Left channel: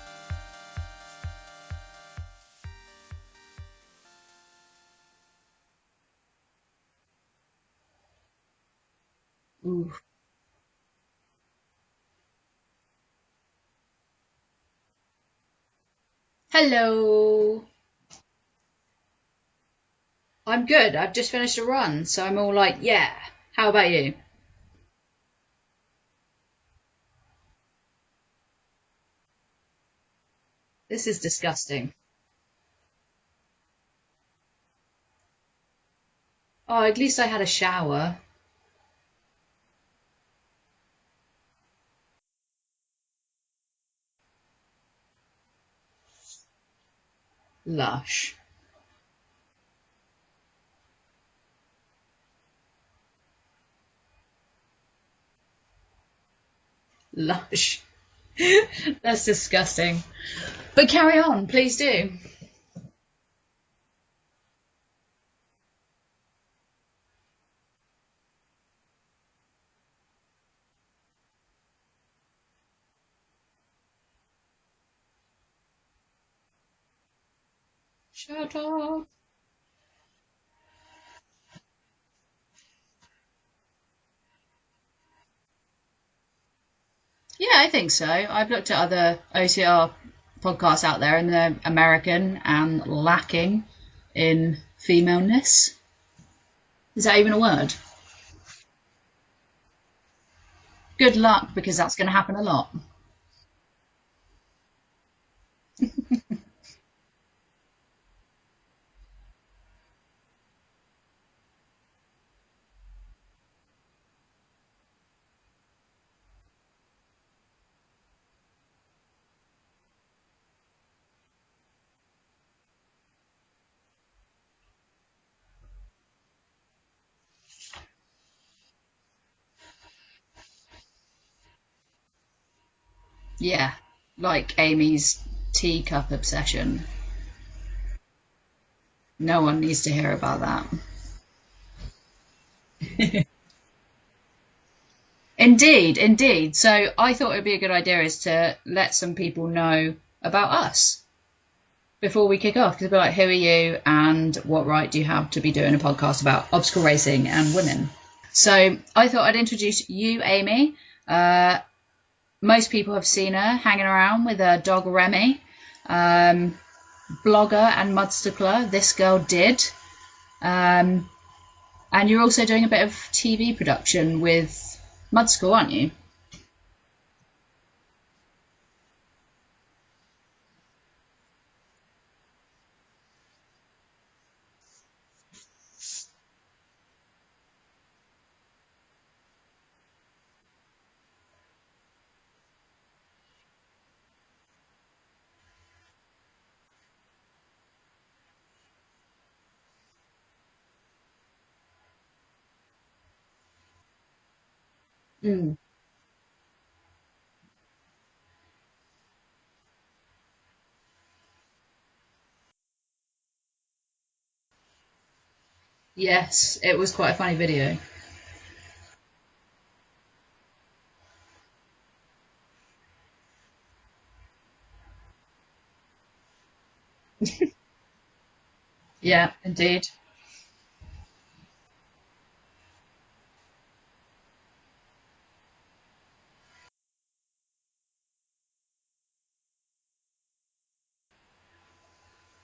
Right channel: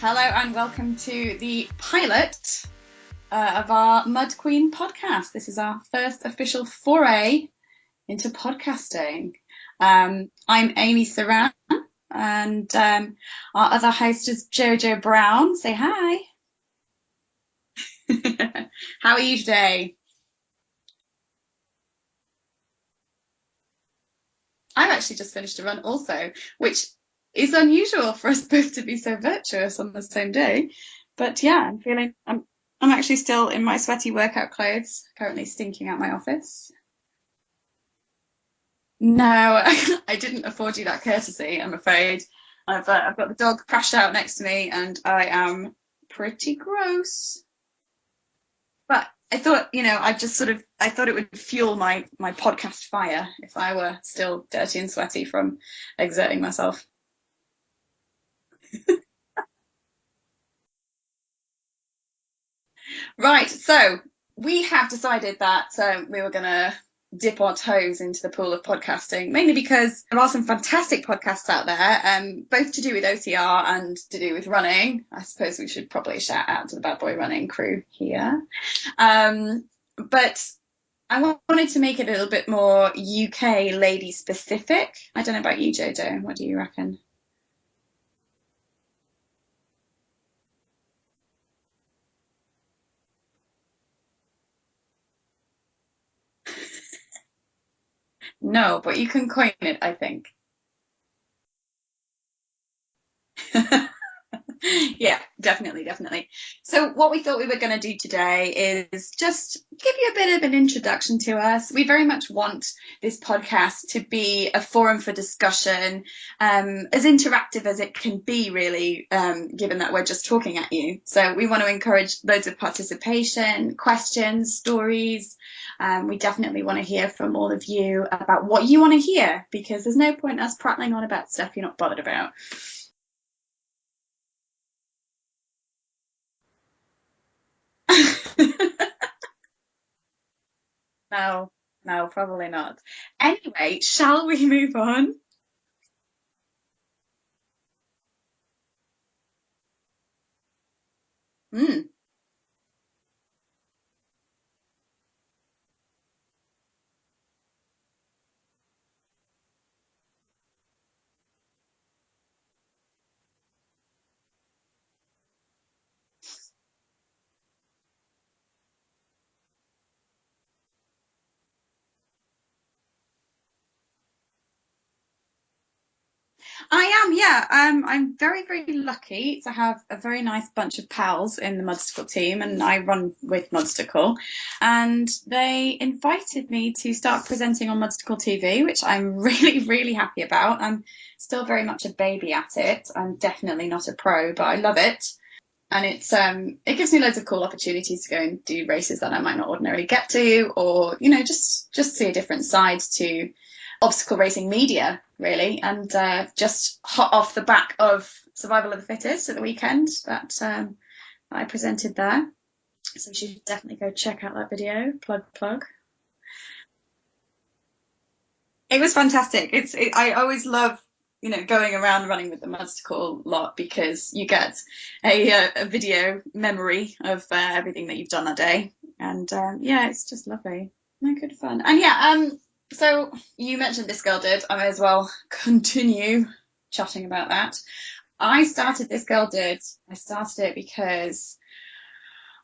Hello and welcome to the pilot of our Mud Queen podcast. This is our first official foray into podcasting. I'm Amy Saran and our other host is Jojo Brown. Say hi. Hello. How are you today? I'm good. I've just finished a run, so I'm all like, yeah. How about you? I've actually just finished a run also, which is unusual for us both to be so virtuous on the same day. This is But disgusting. Yeah, I'm actually still in my sweaty workout clothes, currently stinking out my office. Oh, at least I had a shower. No, I didn't afford you that courtesy, I'm afraid. I've got the dog crashed out next to me and I am pretty gross. Lush. But I thought, I thought it would fuel my podcast fire if I were still dirty and sweaty from exerting myself. Lush. That's disgusting. But carry on, please do. Right, so we have decided that we were going to dip our toes into the pool of podcasting, mainly because there are some fantastic podcasts out there, both to do with OCR and to do with running. I suppose we should probably shout out to the Bad Boy Running crew here. But I wanted to make it a little bit more UK lady specific. I don't know about you, Jojo. What do you reckon? Yeah, I think so. I've looked at other OCR podcasts out there and they're American and lacking in femaleness. Is that even a word? No, but you can coin it, I think. Good luck, because that's going to happen a lot. Yeah, definitely. So what we thought we were going to do today is just give you a bit of an introduction to us. We very much want this podcast to be a forum for discussion, as interactive as it can be, really, given that we're just talking at you. So we want to encourage loads of participation, questions, stories. We definitely want to hear from all of you about what you want to hear, because there's no point us prattling on about stuff you're not bothered about. Yeah. Like Amy's teacup obsession. No one needs to hear about that. No, probably not. Anyway, shall we move on? Indeed. So I thought it'd be a good idea is to let some people know about us before we kick off. Because they'll be like, who are you and what right do you have to be doing a podcast about obstacle racing and women? So I thought I'd introduce you, Amy. Most people have seen her hanging around with her dog Remy, blogger and mudstickler, ThisGirlDid. And you're also doing a bit of TV production with Mudstickle, aren't you? I am, yeah. I'm very, very lucky to have a very nice bunch of pals in the Mudstickle team, and I run with Mudstickle. And they invited me to start presenting on Mudstickle TV, which I'm really, really happy about. I'm still very much a baby at it. I'm definitely not a pro, but I love it. And it gives me loads of cool opportunities to go and do races that I might not ordinarily get to, or just see a different side to obstacle racing media, really. And just hot off the back of Survival of the Fittest at the weekend that I presented there. So you should definitely go check out that video. Plug. Yes, it was quite a funny video. It was fantastic. I always love going around running with the Mudstickle lot, because you get a video memory of everything that you've done that day. And, yeah, it's just lovely. No, good fun. And so you mentioned ThisGirlDid. I may as well continue chatting about that. I started ThisGirlDid. I started it because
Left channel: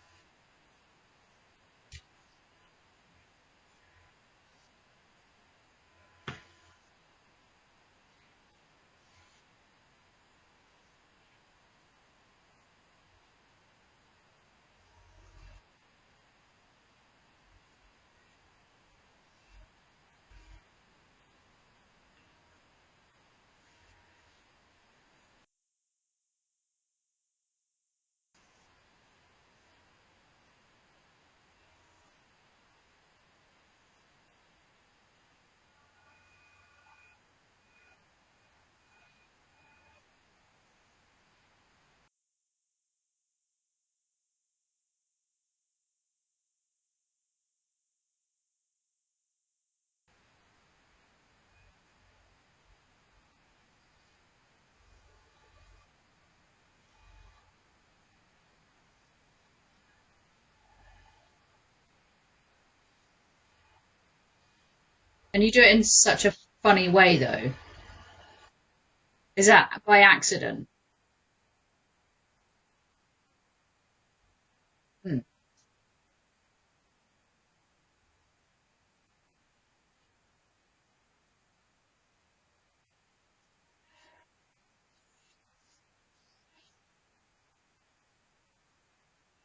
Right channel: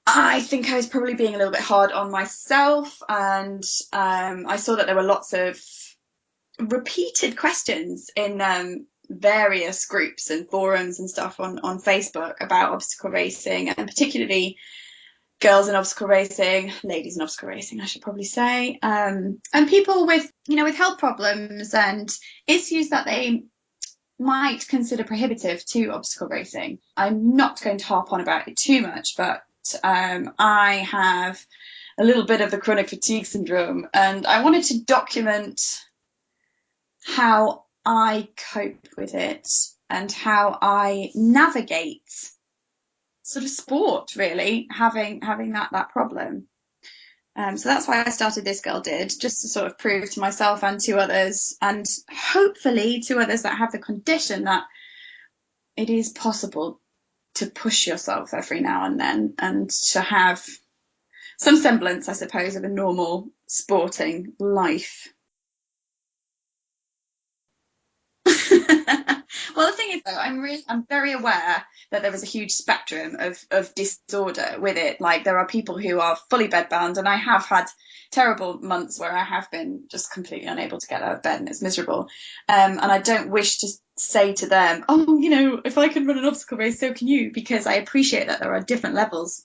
I think I was probably being a little bit hard on myself, and I saw that there were lots of repeated questions in various groups and forums and stuff on Facebook about obstacle racing, and particularly girls in obstacle racing, ladies in obstacle racing, I should probably say, and people with health problems and issues that they might consider prohibitive to obstacle racing. I'm not going to harp on about it too much, but I have a little bit of the chronic fatigue syndrome, and I wanted to document how I cope with it and how I navigate sort of sport, really, having that problem. So that's why I started ThisGirlDid, just to sort of prove to myself and to others, and hopefully to others that have the condition, that it is possible to push yourself every now and then, and to have some semblance, I suppose, of a normal sporting life. And you do it in such a funny way, though. Is Well, that the thing by is, accident? I'm very aware that there is a huge spectrum of disorder with it. Like, there are people who are fully bedbound, and I have had terrible months where I have been just completely unable to get out of bed, and it's miserable. And I don't wish to say to them, oh, you know, if I can run an obstacle race, so can you, because I appreciate that there are different levels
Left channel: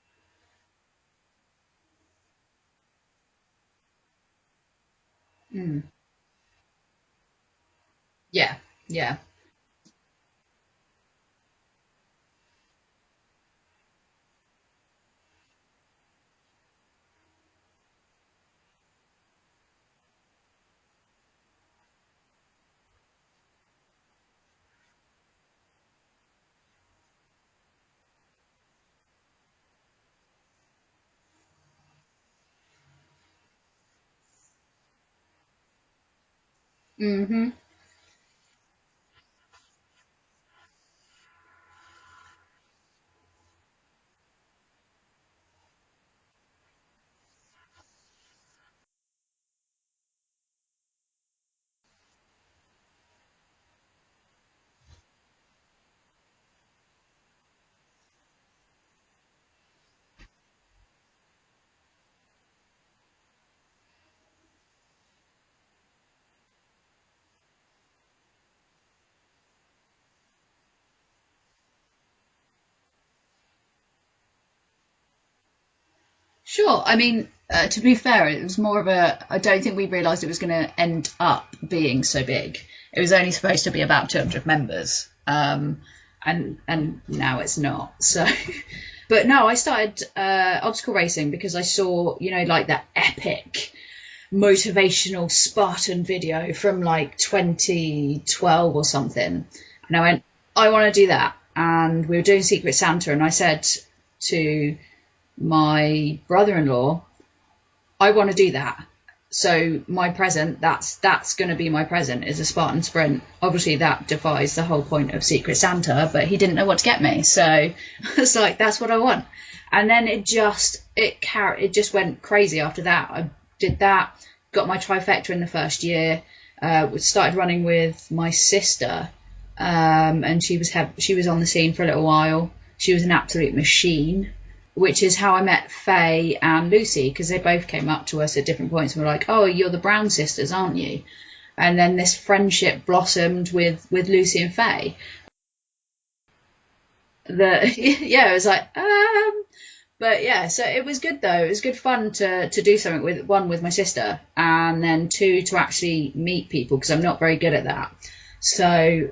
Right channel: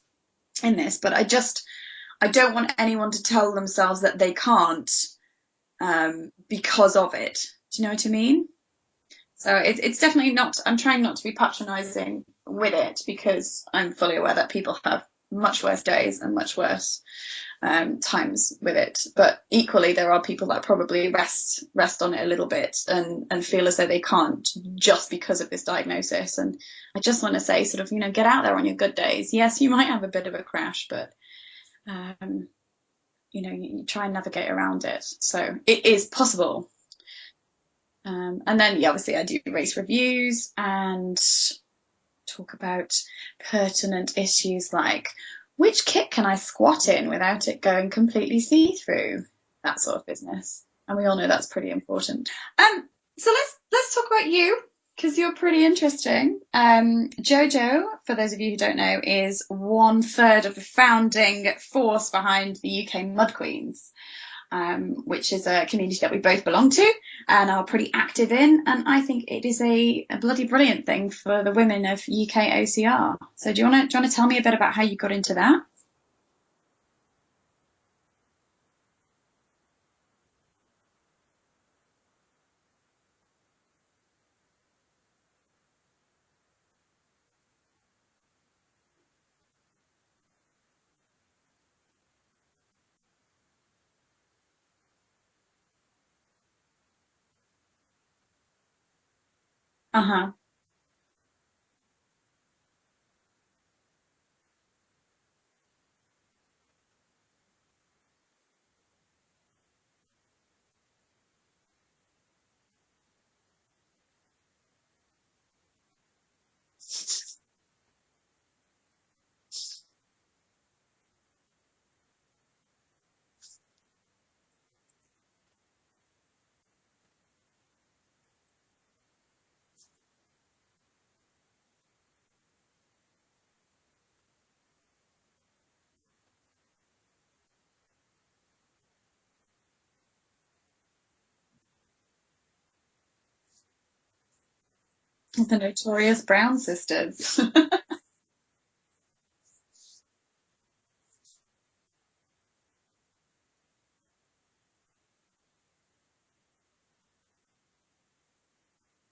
in this, but I don't want anyone to tell themselves that they can't because of it. Do you know what I mean? Yeah. So it's definitely not, I'm trying not to be patronizing with it, because I'm fully aware that people have much worse days and much worse times with it. But equally, there are people that probably rest on it a little bit and feel as though they can't just because of this diagnosis. And I just want to say, sort of, you know, get out there on your good days. Yes, you might have a bit of a crash, but you know, you try and navigate around it. So it is possible. Mm-hmm. And then, yeah, obviously I do race reviews and talk about pertinent issues like, which kit can I squat in without it going completely see-through? That sort of business. And we all know that's pretty important. So let's talk about you, because you're pretty interesting. Jojo, for those of you who don't know, is 1/3 of the founding force behind the UK Mud Queens, which is a community that we both belong to and are pretty active in. And I think it is a bloody brilliant thing for the women of UK OCR. So do you want to tell me a bit about how you got into that? Sure. I mean, to be fair, it was more of I don't think we realised it was going to end up being so big. It was only supposed to be about 200 members. And now it's not. So, but no, I started obstacle racing because I saw, you know, like that epic motivational Spartan video from like 2012 or something. And I went, I want to do that. And we were doing Secret Santa, and I said to my brother-in-law, I want to do that. So my present, that's going to be my present, is a Spartan sprint. Obviously that defies the whole point of Secret Santa, but he didn't know what to get me, so I was like, that's what I want. And then it just went crazy after that. I did that, got my trifecta in the first year, started running with my sister, and she was on the scene for a little while. She was an absolute machine, which is how I met Faye and Lucy, because they both came up to us at different points and were like, oh, you're the Brown sisters, aren't you? And then this friendship blossomed with Lucy and Faye. The notorious Brown sisters. Yeah, it was like, But yeah, so it was good though. It was good fun to do something with my sister, and then two, to actually meet people, because I'm not very good at that. So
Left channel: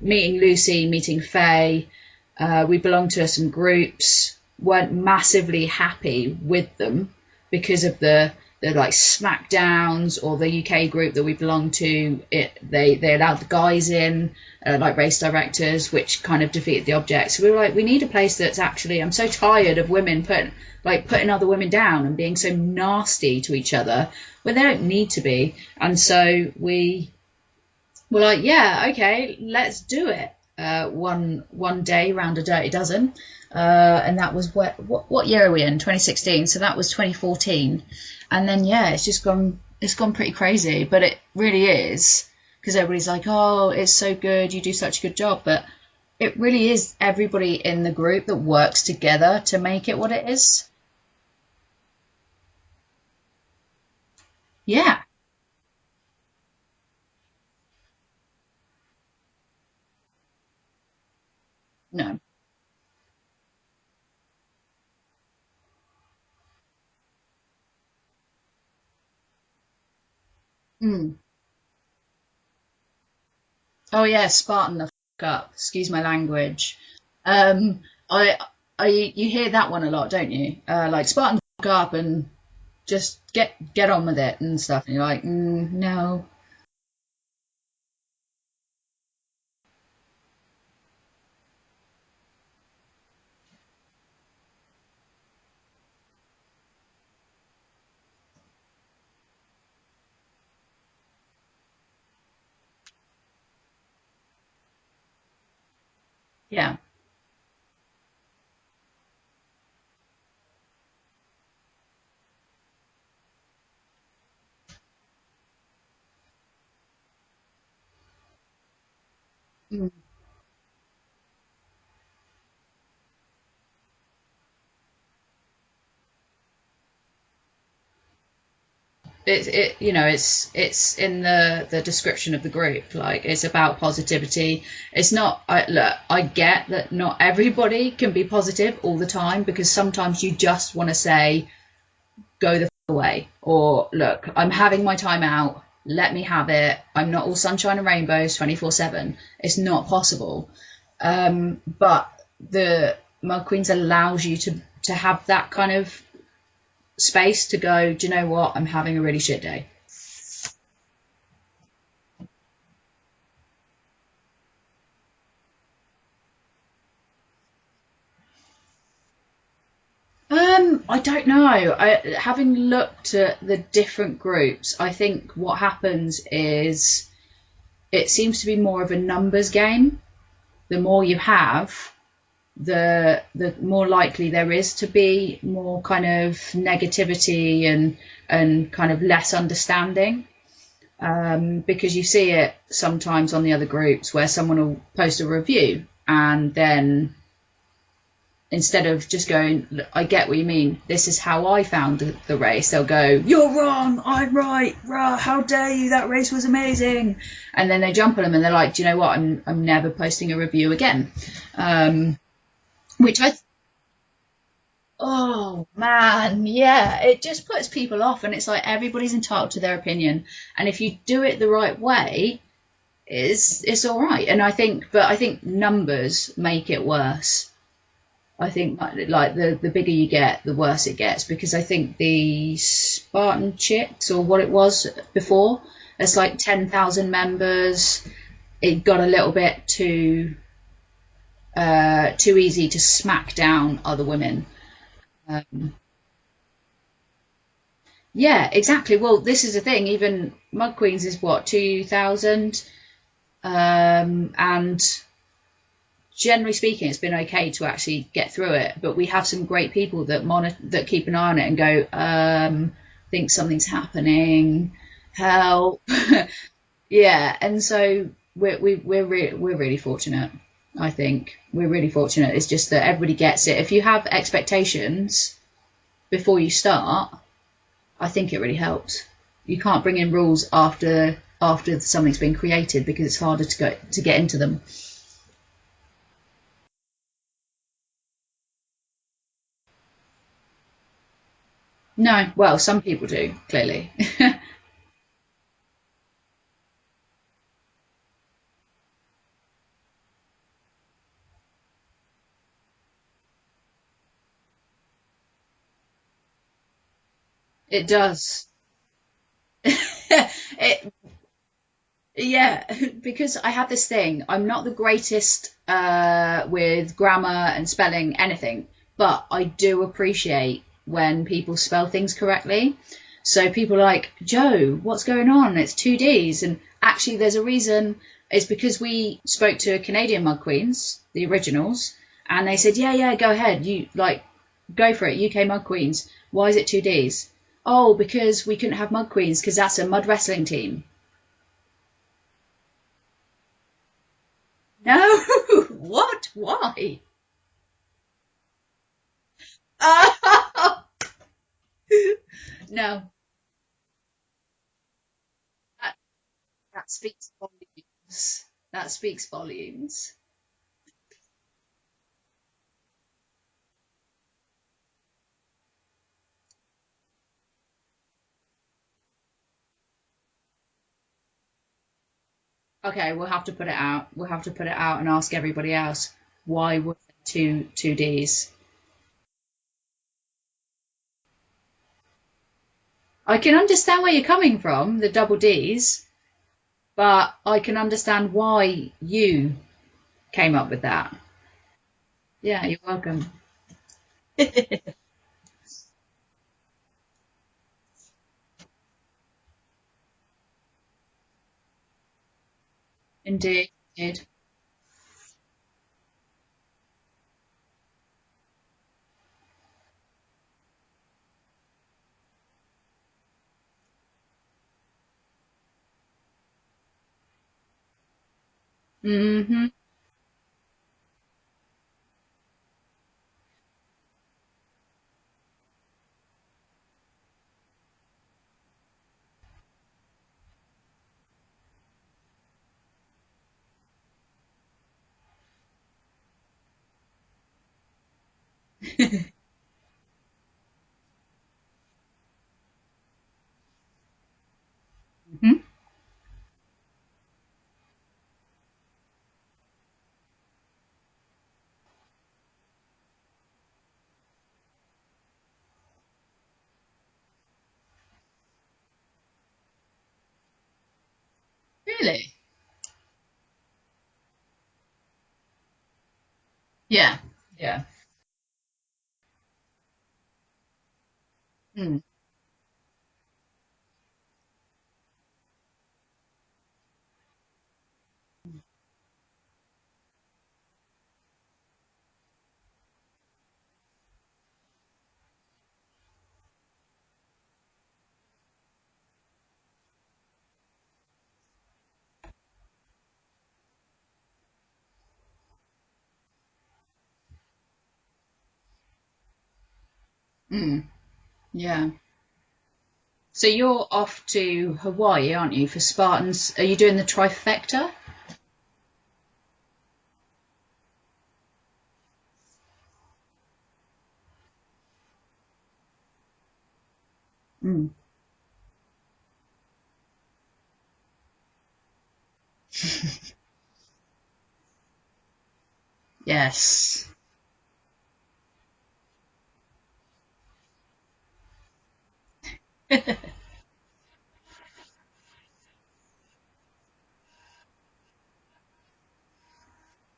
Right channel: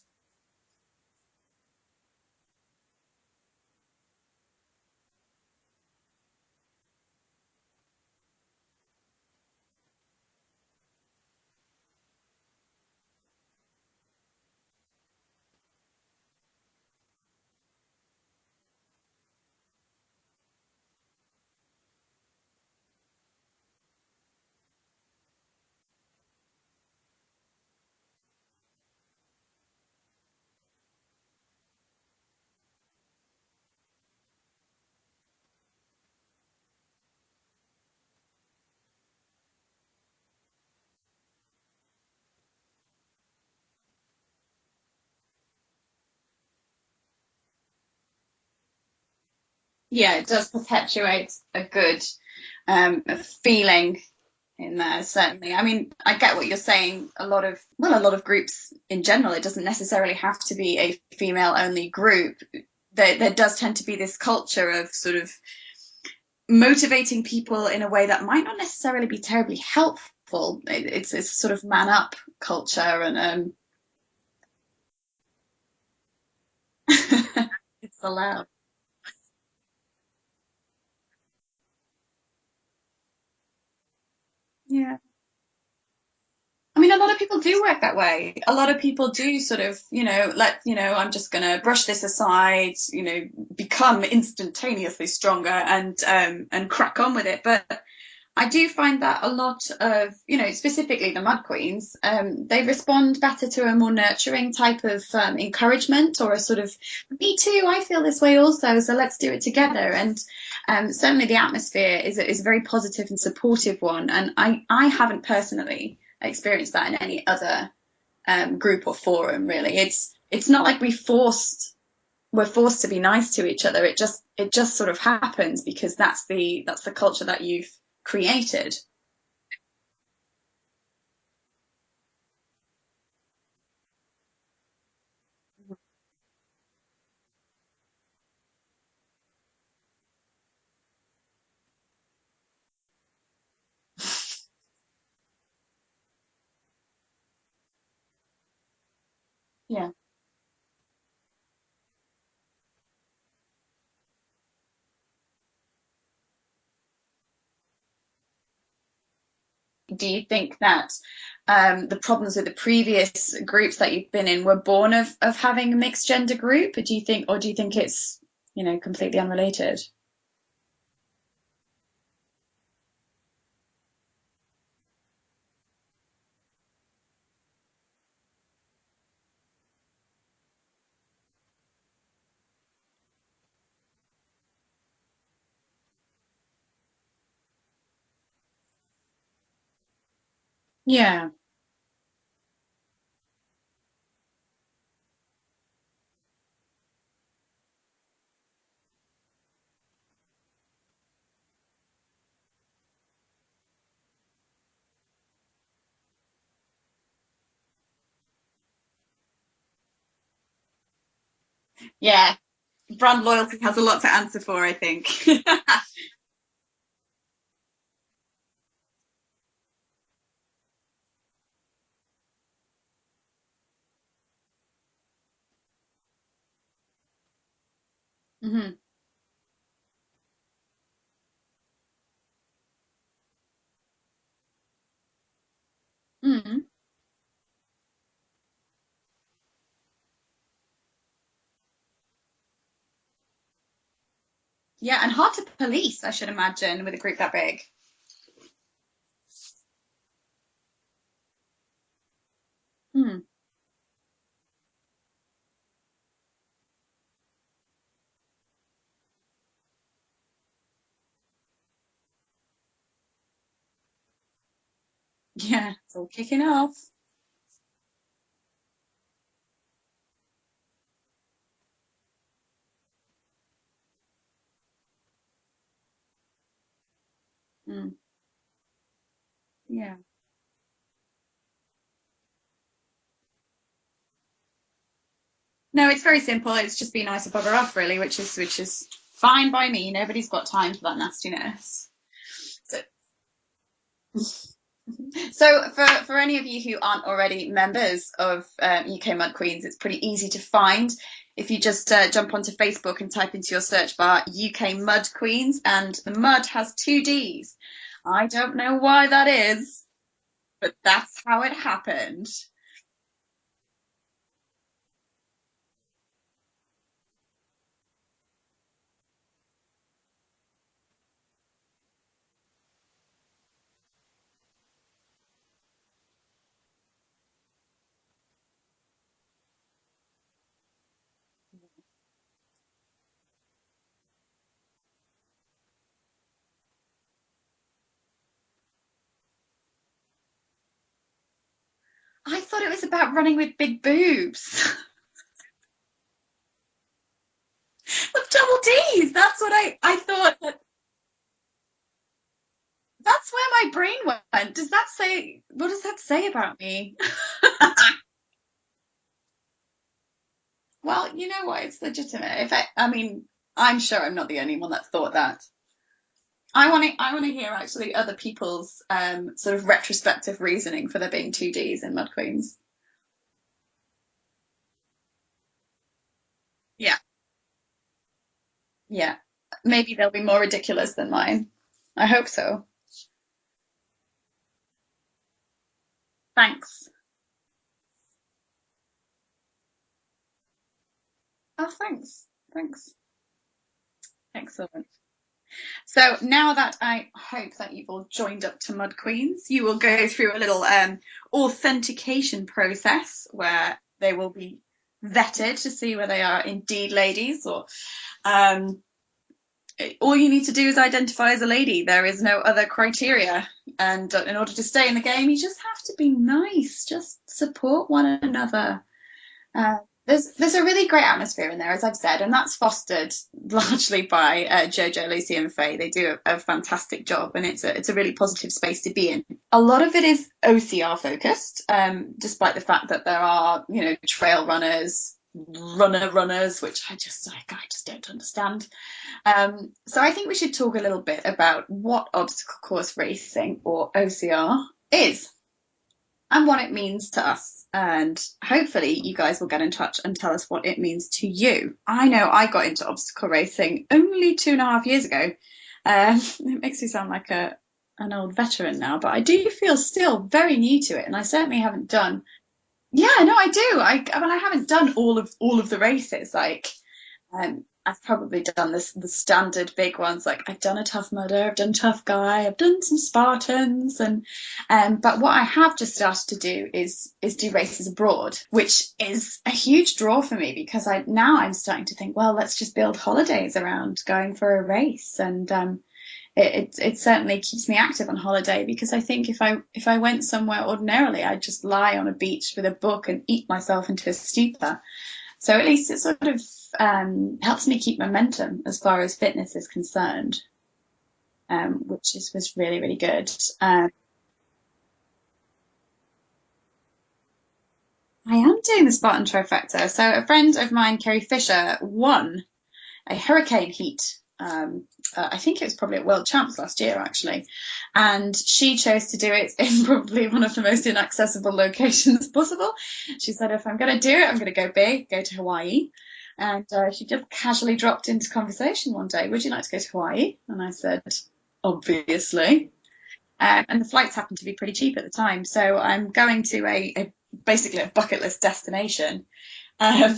meeting Lucy, meeting Faye, we belonged to some groups, weren't massively happy with them because of the like smackdowns, or the UK group that we belonged to, they allowed the guys in, like race directors, which kind of defeated the object. So we were like, we need a place that's actually, I'm so tired of women putting other women down and being so nasty to each other when they don't need to be. And so we were like, yeah, okay, let's do it. One day round a dirty dozen, and that was what year are we in? 2016. So that was 2014, and then yeah, it's gone pretty crazy. But it really is, because everybody's like, oh, it's so good, you do such a good job, but it really is everybody in the group that works together to make it. Yeah, it does perpetuate a good feeling. Yeah, certainly. I mean, I get what you're saying. A lot of groups in general, it doesn't necessarily have to be a female-only group. No. There does tend to be this culture of sort of motivating people in a way that might not necessarily be terribly helpful. It's sort of man-up culture, and oh yeah, Spartan the f*** up. Excuse my language. You hear that one a lot, don't you? Like, Spartan the f*** up and just get on with it and stuff. Yeah. And you're like, no. I mean, a lot of people do work that way. A lot of people do sort of, I'm just going to brush this aside, become instantaneously stronger and crack on with it. But I do find that a lot of, specifically the Mud Queens, they respond better to a more nurturing type of encouragement, or a sort of, me too, I feel this way also, so let's do it together. And certainly the atmosphere is a very positive and supportive one. And I haven't personally experienced that in any other group or forum, really. It's not like we're forced to be nice to each other. It just sort of happens because that's the culture that you've created. It's in the description of the group. Like, it's about positivity. It's not, I get that not everybody can be positive all the time, because sometimes you just want to say, go the away, or look, I'm having my time out, let me have it. I'm not all sunshine and rainbows 24/7. It's not possible. But the Mud Queens allows you to have that kind of space to go, do you know what, I'm having a really shit day. Do you think that the problems with the previous groups that you've been in were born of having a mixed gender group? Or do you think it's completely unrelated? I don't know. Having looked at the different groups, I think what happens is it seems to be more of a numbers game. The more you have, the more likely there is to be more kind of negativity and kind of less understanding. Because you see it sometimes on the other groups where someone will post a review, and then instead of just going, I get what you mean, this is how I found the race, they'll go, you're wrong, I'm right, rah, how dare you, that race was amazing. And then they jump on them and they're like, do you know what, I'm never posting a review again. Brand loyalty has a lot to answer for, I think. Oh man, yeah, it just puts people off, and it's like everybody's entitled to their opinion, and if you do it the right way, it's all right. And I think numbers make it worse. I think like the bigger you get, the worse it gets, because I think the Spartan Chicks, or what it was before, it's like 10,000 members. It got a little bit too easy to smack down other women. Yeah, and hard to police, I should imagine, with a group that big. Yeah, exactly. Well, this is the thing. Even Mud Queens is what, 2,000, and generally speaking, it's been okay to actually get through it. But we have some great people that keep an eye on it and go, think something's happening, help. Nothing else. Yeah, and so we're really fortunate. I think we're really fortunate. It's just that everybody gets it. If you have expectations before you start, I think it really helps. You can't bring in rules after something's been created, because it's harder to get into them. No, it's very simple. It's just be nice and bugger off, really, which is fine by me. Nobody's got time for that nastiness. No, well, some people do, clearly. So for any of you who aren't already members of UK Mud Queens, it's pretty easy to find. If you just jump onto Facebook and type into your search bar UK Mud Queens, and the mud has 2 Ds. It does. I don't know why that is. That's how it happened. Yeah, because I have this thing. I'm not the greatest with grammar and spelling anything, but I do appreciate when people spell things correctly. So people are like, Joe, what's going on? It's 2 Ds. And actually there's a reason. It's because we spoke to Canadian Mud Queens, the originals, and they said, yeah, go ahead. You go for it. UK Mud Queens. Why is it 2 Ds? Oh, because we couldn't have Mud Queens because that's a mud wrestling team. I thought it was about running with big boobs. No. What? Why? With double Ds. That's what I thought. No. That's where my brain went. Does that say, what does that say about me? That speaks volumes. Well, you know what? It's legitimate. I mean, I'm sure I'm not the only one that thought that. I want to hear actually other people's sort of retrospective reasoning for there being 2 Ds in Mud Queens. Okay, we'll have to put it out. We'll have to put it out and ask everybody else why were 2 Ds. Yeah, maybe they'll be more ridiculous than mine. I hope so. I can understand where you're coming from, the double Ds. Thanks. But I can understand why you came up with that. Oh, thanks. Yeah, thanks. You're welcome. So now that I hope that you've all joined up to Mud Queens, you will go through a little authentication process. Indeed. Where they will be vetted to see whether they are indeed ladies, or all you need to do is identify as a lady. There is no other criteria. And in order to stay in the game, you just have to be nice. Just support one another. Mm-hmm. There's a really great atmosphere in there, as I've said, and that's fostered largely by Jojo, Lucy, and Faye. They do a fantastic job, and it's a really positive space to be in. A lot of it is OCR focused, despite the fact that there are, trail runners, runners, which I just don't understand. So I think we should talk a little bit about what obstacle course racing, or OCR, is, and what it means to us. And hopefully you guys will get in touch and tell us what it means to you. I know I got into obstacle racing only 2.5 years ago. It makes me sound like an old veteran now, but I do feel still very new to it, and I certainly haven't done. Yeah, no, I do. I haven't done all of the races. I've probably done the standard big ones. Like, I've done a Tough Mudder, I've done Tough Guy, I've done some Spartans, and but what I have just started to do is do races abroad, which is a huge draw for me, because I'm starting to think, well, let's just build holidays around going for a race, and it certainly keeps me active on holiday, because I think if I went somewhere ordinarily, I'd just lie on a beach with a book and eat myself into a stupor. So at least it sort of helps me keep momentum as far as fitness is concerned, which was really, really good. So you're off to Hawaii, aren't you, for Spartans? Are you doing the trifecta? I am doing the Spartan trifecta. So a friend of mine, Kerry Fisher, won a hurricane heat. I think it was probably at World Champs last year, actually. And she chose to do it in probably one of the most inaccessible locations possible. She said, if I'm going to do it, I'm going to go big, go to Hawaii. Yes. And she just casually dropped into conversation one day, would you like to go to Hawaii? And I said, obviously. And the flights happened to be pretty cheap at the time. So I'm going to basically a bucket list destination to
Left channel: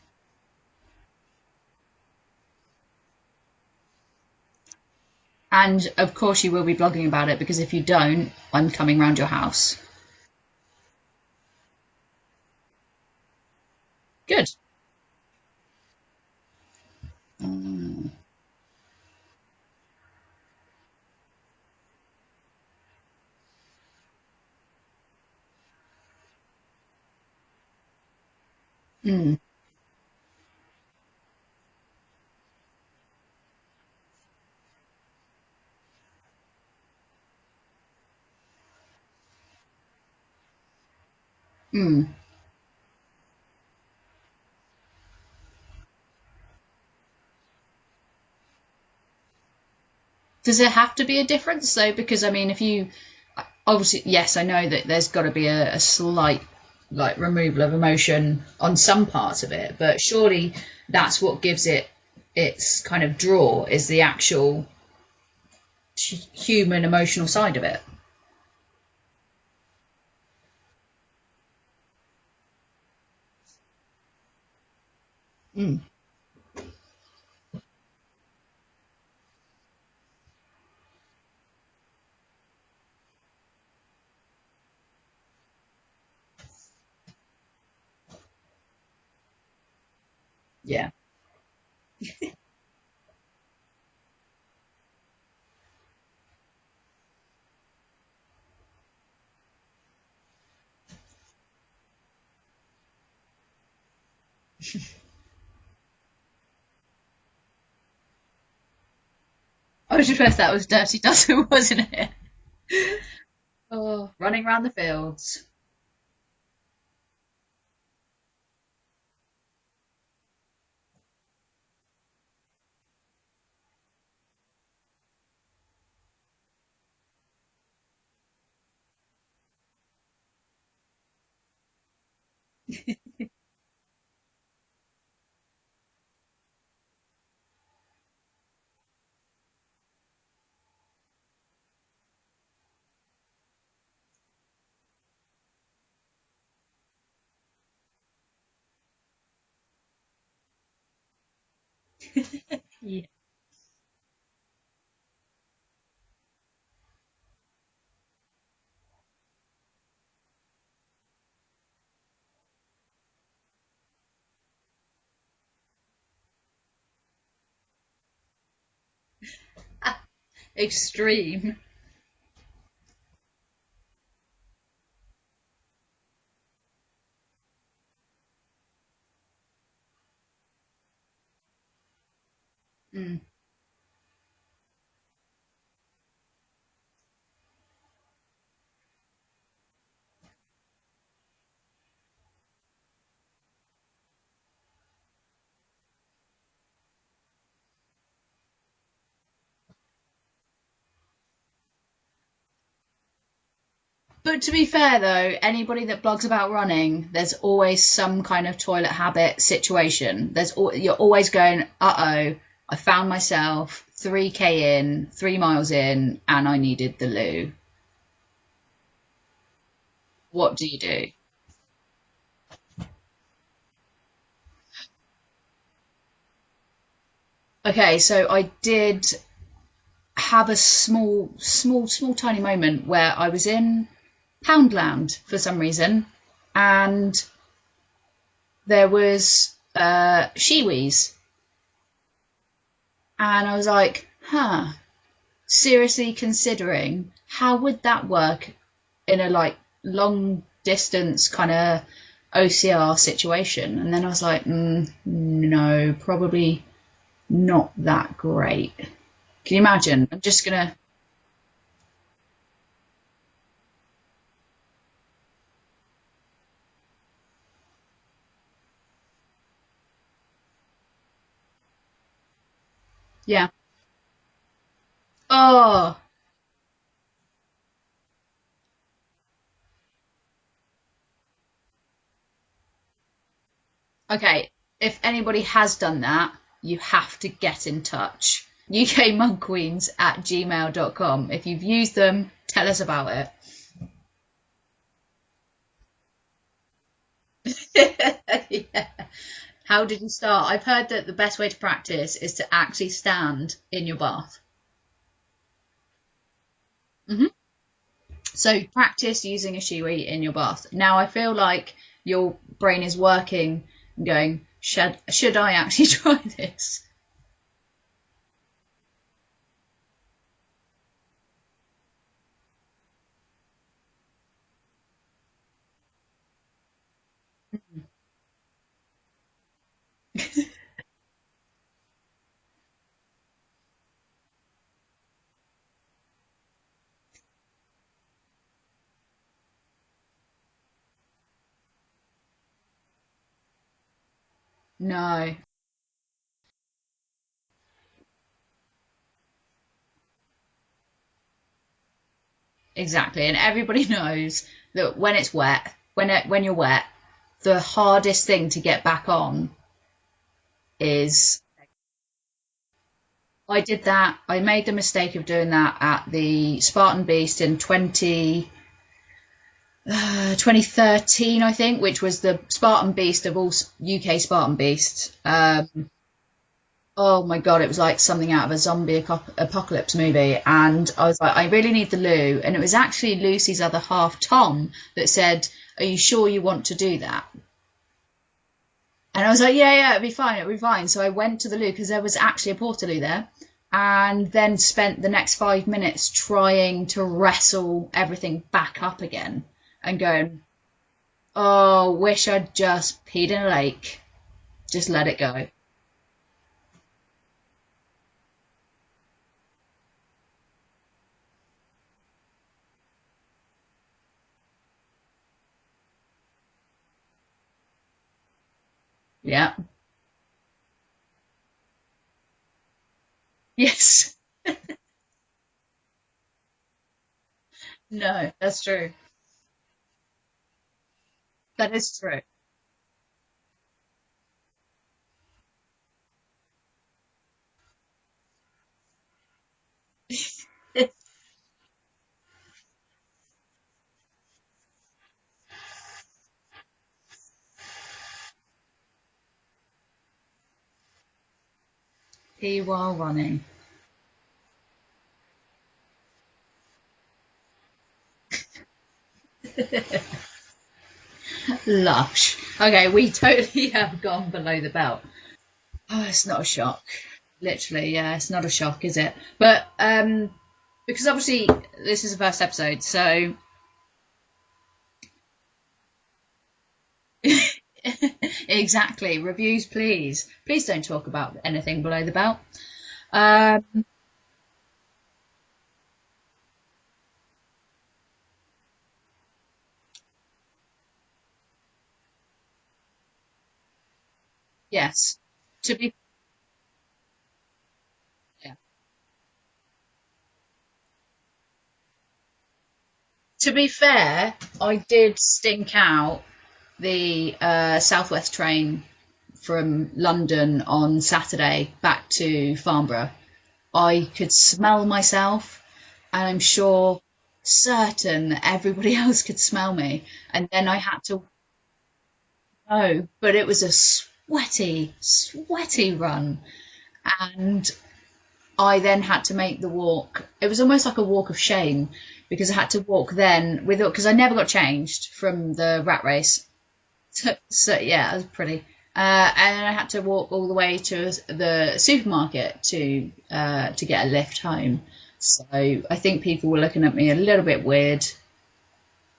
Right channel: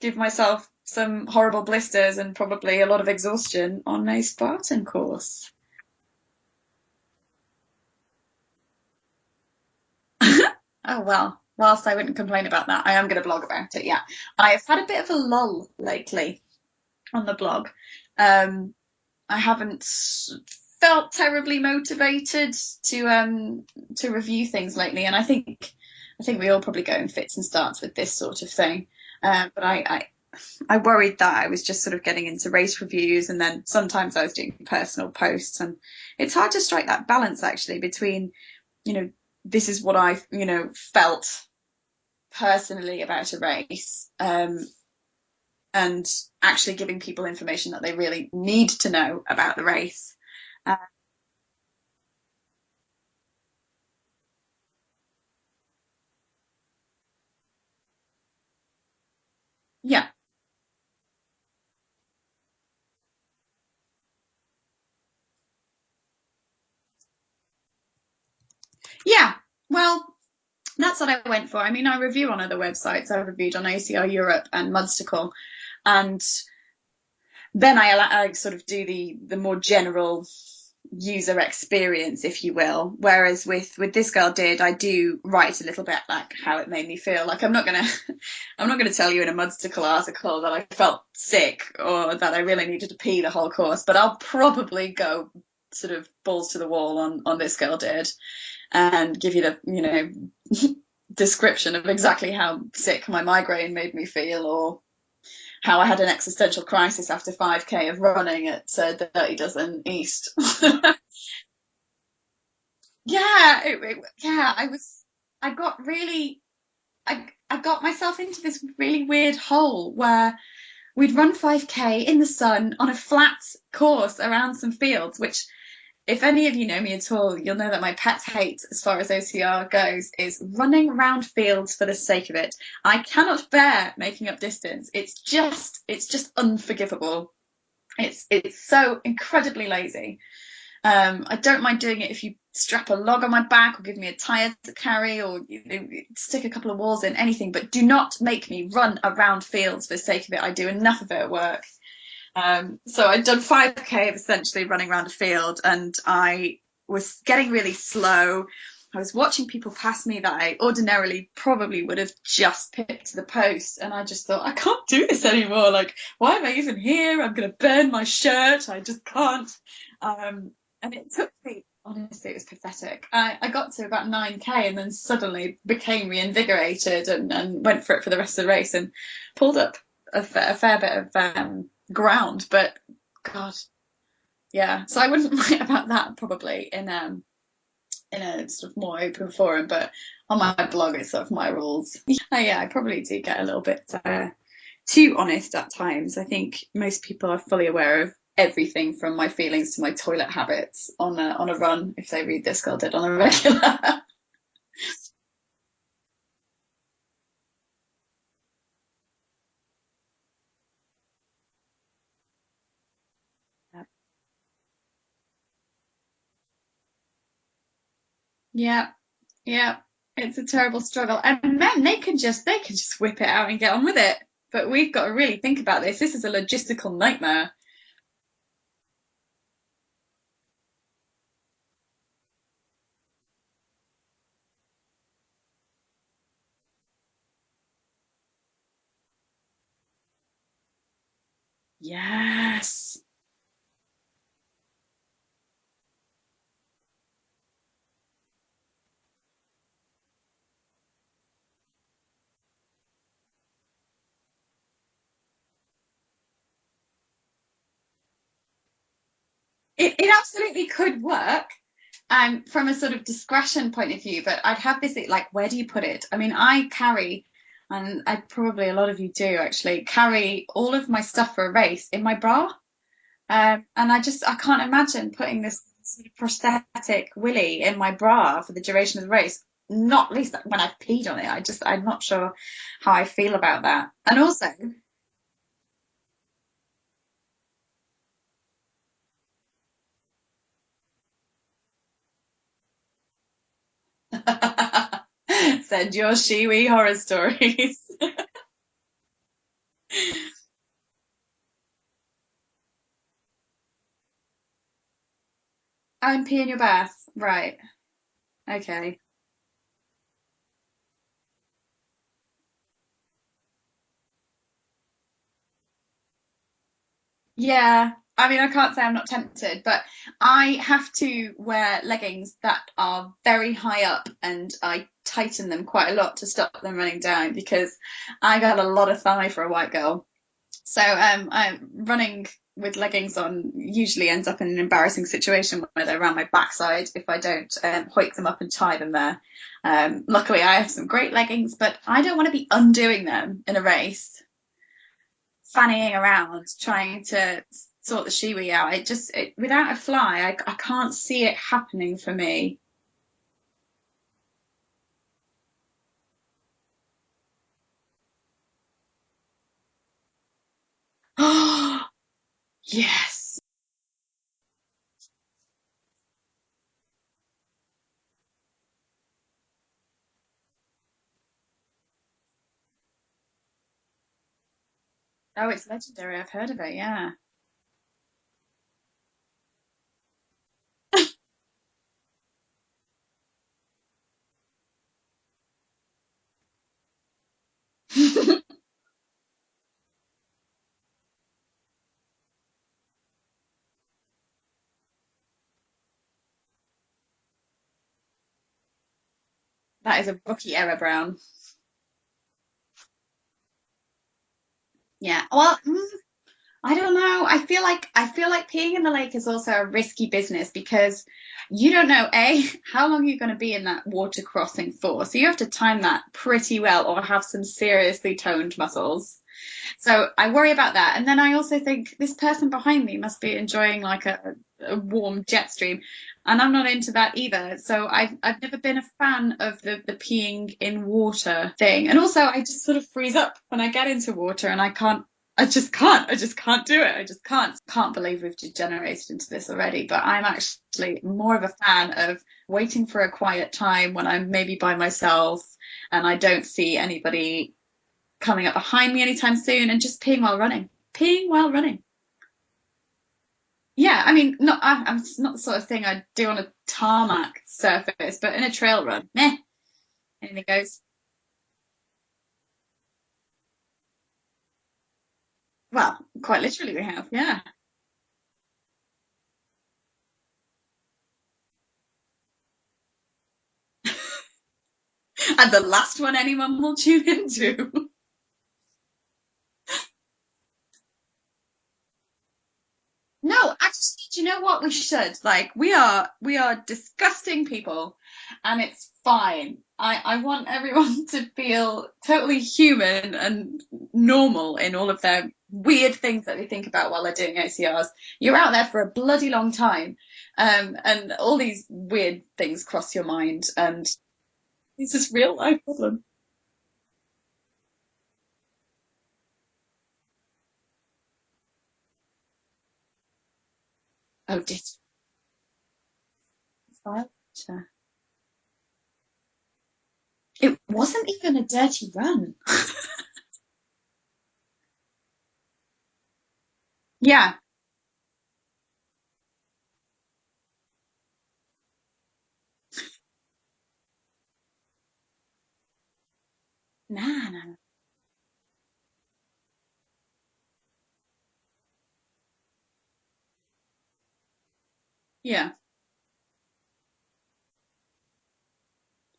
give myself some horrible blisters and probably a lot of exhaustion on a Spartan course. And of course you will be blogging about it, because if you don't, I'm coming round your house. Oh, well, whilst I wouldn't complain about that, I am going to blog about it, yeah. Good. I've had a bit of a lull lately on the blog. I haven't felt terribly motivated to review things lately, and I think we all probably go in fits and starts with this sort of thing. But I worried that I was just sort of getting into race reviews, and then sometimes I was doing personal posts, and it's hard to strike that balance actually between, this is what I, felt personally about a race, and actually giving people information that they really need to know about the race. Does it have to be a difference though? Because I mean, if you obviously, yes, I know that there's got to be a slight removal of emotion on some parts of it, but surely that's what gives it its kind of draw, is the actual human emotional side of it. Yeah, well, that's what I went for. I mean, I review on other websites. I reviewed on OCR Europe and Mudstacle, and then I sort of do the more general user experience, if you will, whereas with ThisGirlDid, I do write a little bit like how it made me feel. Like, I'm not gonna tell you in a Mudstacle article that I felt sick or that I really needed to pee the whole course, but I'll probably go sort of balls to the wall on ThisGirlDid and give you the description of exactly how sick my migraine made me feel, or how I had an existential crisis after 5k of running at Dirty Dozen. I was just that was Dirty Dozen, wasn't it? Yeah, running around the fields. I got myself into this really weird hole where we'd run 5k in the sun on a flat course around some fields, which, if any of you know me at all, you'll know that my pet hate as far as OCR goes is running around fields for the sake of it. I cannot bear making up distance. It's just unforgivable. It's so incredibly lazy. I don't mind doing it if you strap a log on my back or give me a tire to carry, or stick a couple of walls in, anything, but do not make me run around fields for the sake of it. I do enough of it at work. So I'd done 5k of essentially running around a field, and I was getting really slow. I was watching people pass me that I ordinarily probably would have just picked to the post, and I just thought, I can't do this anymore. Like, why am I even here? I'm going to burn my shirt. I just can't. Extreme. Honestly, it was pathetic. I got to about 9k and then suddenly became reinvigorated and went for it for the rest of the race and pulled up a fair bit of ground. But God, yeah. So I wouldn't write about that probably in a sort of more open forum, but on my blog it's sort of my rules. Yeah, I probably do get a little bit too honest at times. I think most people are fully aware of everything from my feelings to my toilet habits on a run if they read ThisGirlDid on a regular. But to be fair though, anybody that blogs about running, there's always some kind of toilet habit situation. You're always going, I found myself 3k in, 3 miles in, and I needed the loo. Yeah, it's a terrible struggle, and men they can just whip it out and get on with it. But we've got to really think about this. This is a logistical nightmare. Okay, so I did have a small, tiny moment where I was in Poundland for some reason, and there was shiwis. Yes. And I was like, seriously considering how would that work in a like long distance kind of OCR situation. And then I was like, no, probably not that great. Can you imagine? It absolutely could work from a sort of discretion point of view, but I'd have this, like, where do you put it? I mean, I carry, and I probably a lot of you do actually, carry all of my stuff for a race in my bra. Yeah. And I can't imagine putting this prosthetic willy in my bra for the duration of the race. Not least when I've peed on it. I'm not sure how I feel about that. And okay, also, if anybody has done that, you have to get in touch. ukmonkqueens@gmail.com. If you've used them, tell us about it. Send your shiwi horror stories. Yeah. How did you start? I've heard that the best way to practice is to actually stand in your bath. And pee in your bath, right. So practice using a shiwi in your bath. Now I feel like your brain is working and going, should I actually try this? Yeah, I mean, I can't say I'm not tempted, but I have to wear leggings that are very high up, and I tighten them quite a lot to stop them running down because I got a lot of thigh for a white girl. So I'm running with leggings on usually ends up in an embarrassing situation where they're around my backside if I don't hoik them up and tie them there. Luckily, I have some great leggings, but I don't want to be undoing them in a race. No. Fannying around trying to sort the shiwi out. Without a fly, I can't see it happening for me. Exactly, and everybody knows that when it's wet, when you're wet, the hardest thing to get back on is. Yes. I did that. I made the mistake of doing that at the Spartan Beast in 2013, I think, which was the Spartan Beast of all UK Spartan Beasts. It's legendary. I've heard of it, yeah. Oh my God, it was like something out of a zombie apocalypse movie. And I was like, I really need the loo. And it was actually Lucy's other half, Tom, that said, are you sure you want to do that? And I was like, yeah, it'll be fine. So I went to the loo because there was actually a portaloo there, and then spent the next 5 minutes trying to wrestle everything back up again. That is a rookie error, Brown. Oh, wish I'd just peed in a lake. Just let it go. Well, I don't know. I feel like peeing in the lake is also a risky business because you don't know how long you're going to be in that water crossing for. So you have to time that pretty well or have some seriously toned muscles. Yeah. So I worry about that. And then I also think this person behind me must be enjoying like a warm jet stream. And I'm not into that either. So I've never been a fan of the peeing in water thing. And also I just sort of freeze up when I get into water and I just can't do it. I just can't believe we've degenerated into this already. But I'm actually more of a fan of waiting for a quiet time when I'm maybe by myself and I don't see anybody coming up behind me anytime soon, and just peeing while running. pee while running. Yeah, I mean, it's not the sort of thing I'd do on a tarmac surface, but in a trail run, meh, anything goes. Lush. Okay, we totally have gone below the belt. Well, It's quite not a literally shock. we have, yeah. Literally, yeah, it's not a shock, is it? But because obviously this is the first episode, so And the last one anyone will tune into. exactly. Reviews, please. Please don't talk about anything below the belt. No, actually, do you know what we should? Like, we are disgusting people, and it's fine. I want everyone to feel totally human and normal in all of Yes. their weird things that they think about while they're doing OCRs. You're out there for a bloody long time, and all these weird things cross your mind. To be fair, I This is did real life stink living. out the Southwest train from London on Saturday back to Farnborough. I could smell myself, and I'm sure, certain that everybody else could smell me. And It then I had wasn't to. even a dirty run. Oh, but it was a sweaty, sweaty run. Yeah. And I then had to make the walk. It was almost like a walk of shame because I had to walk then with because I never got changed from the rat race. Nah. So yeah, it was pretty. And I had to walk all the way to the supermarket to get a lift home. Yeah. So I think people were looking at me a little bit weird.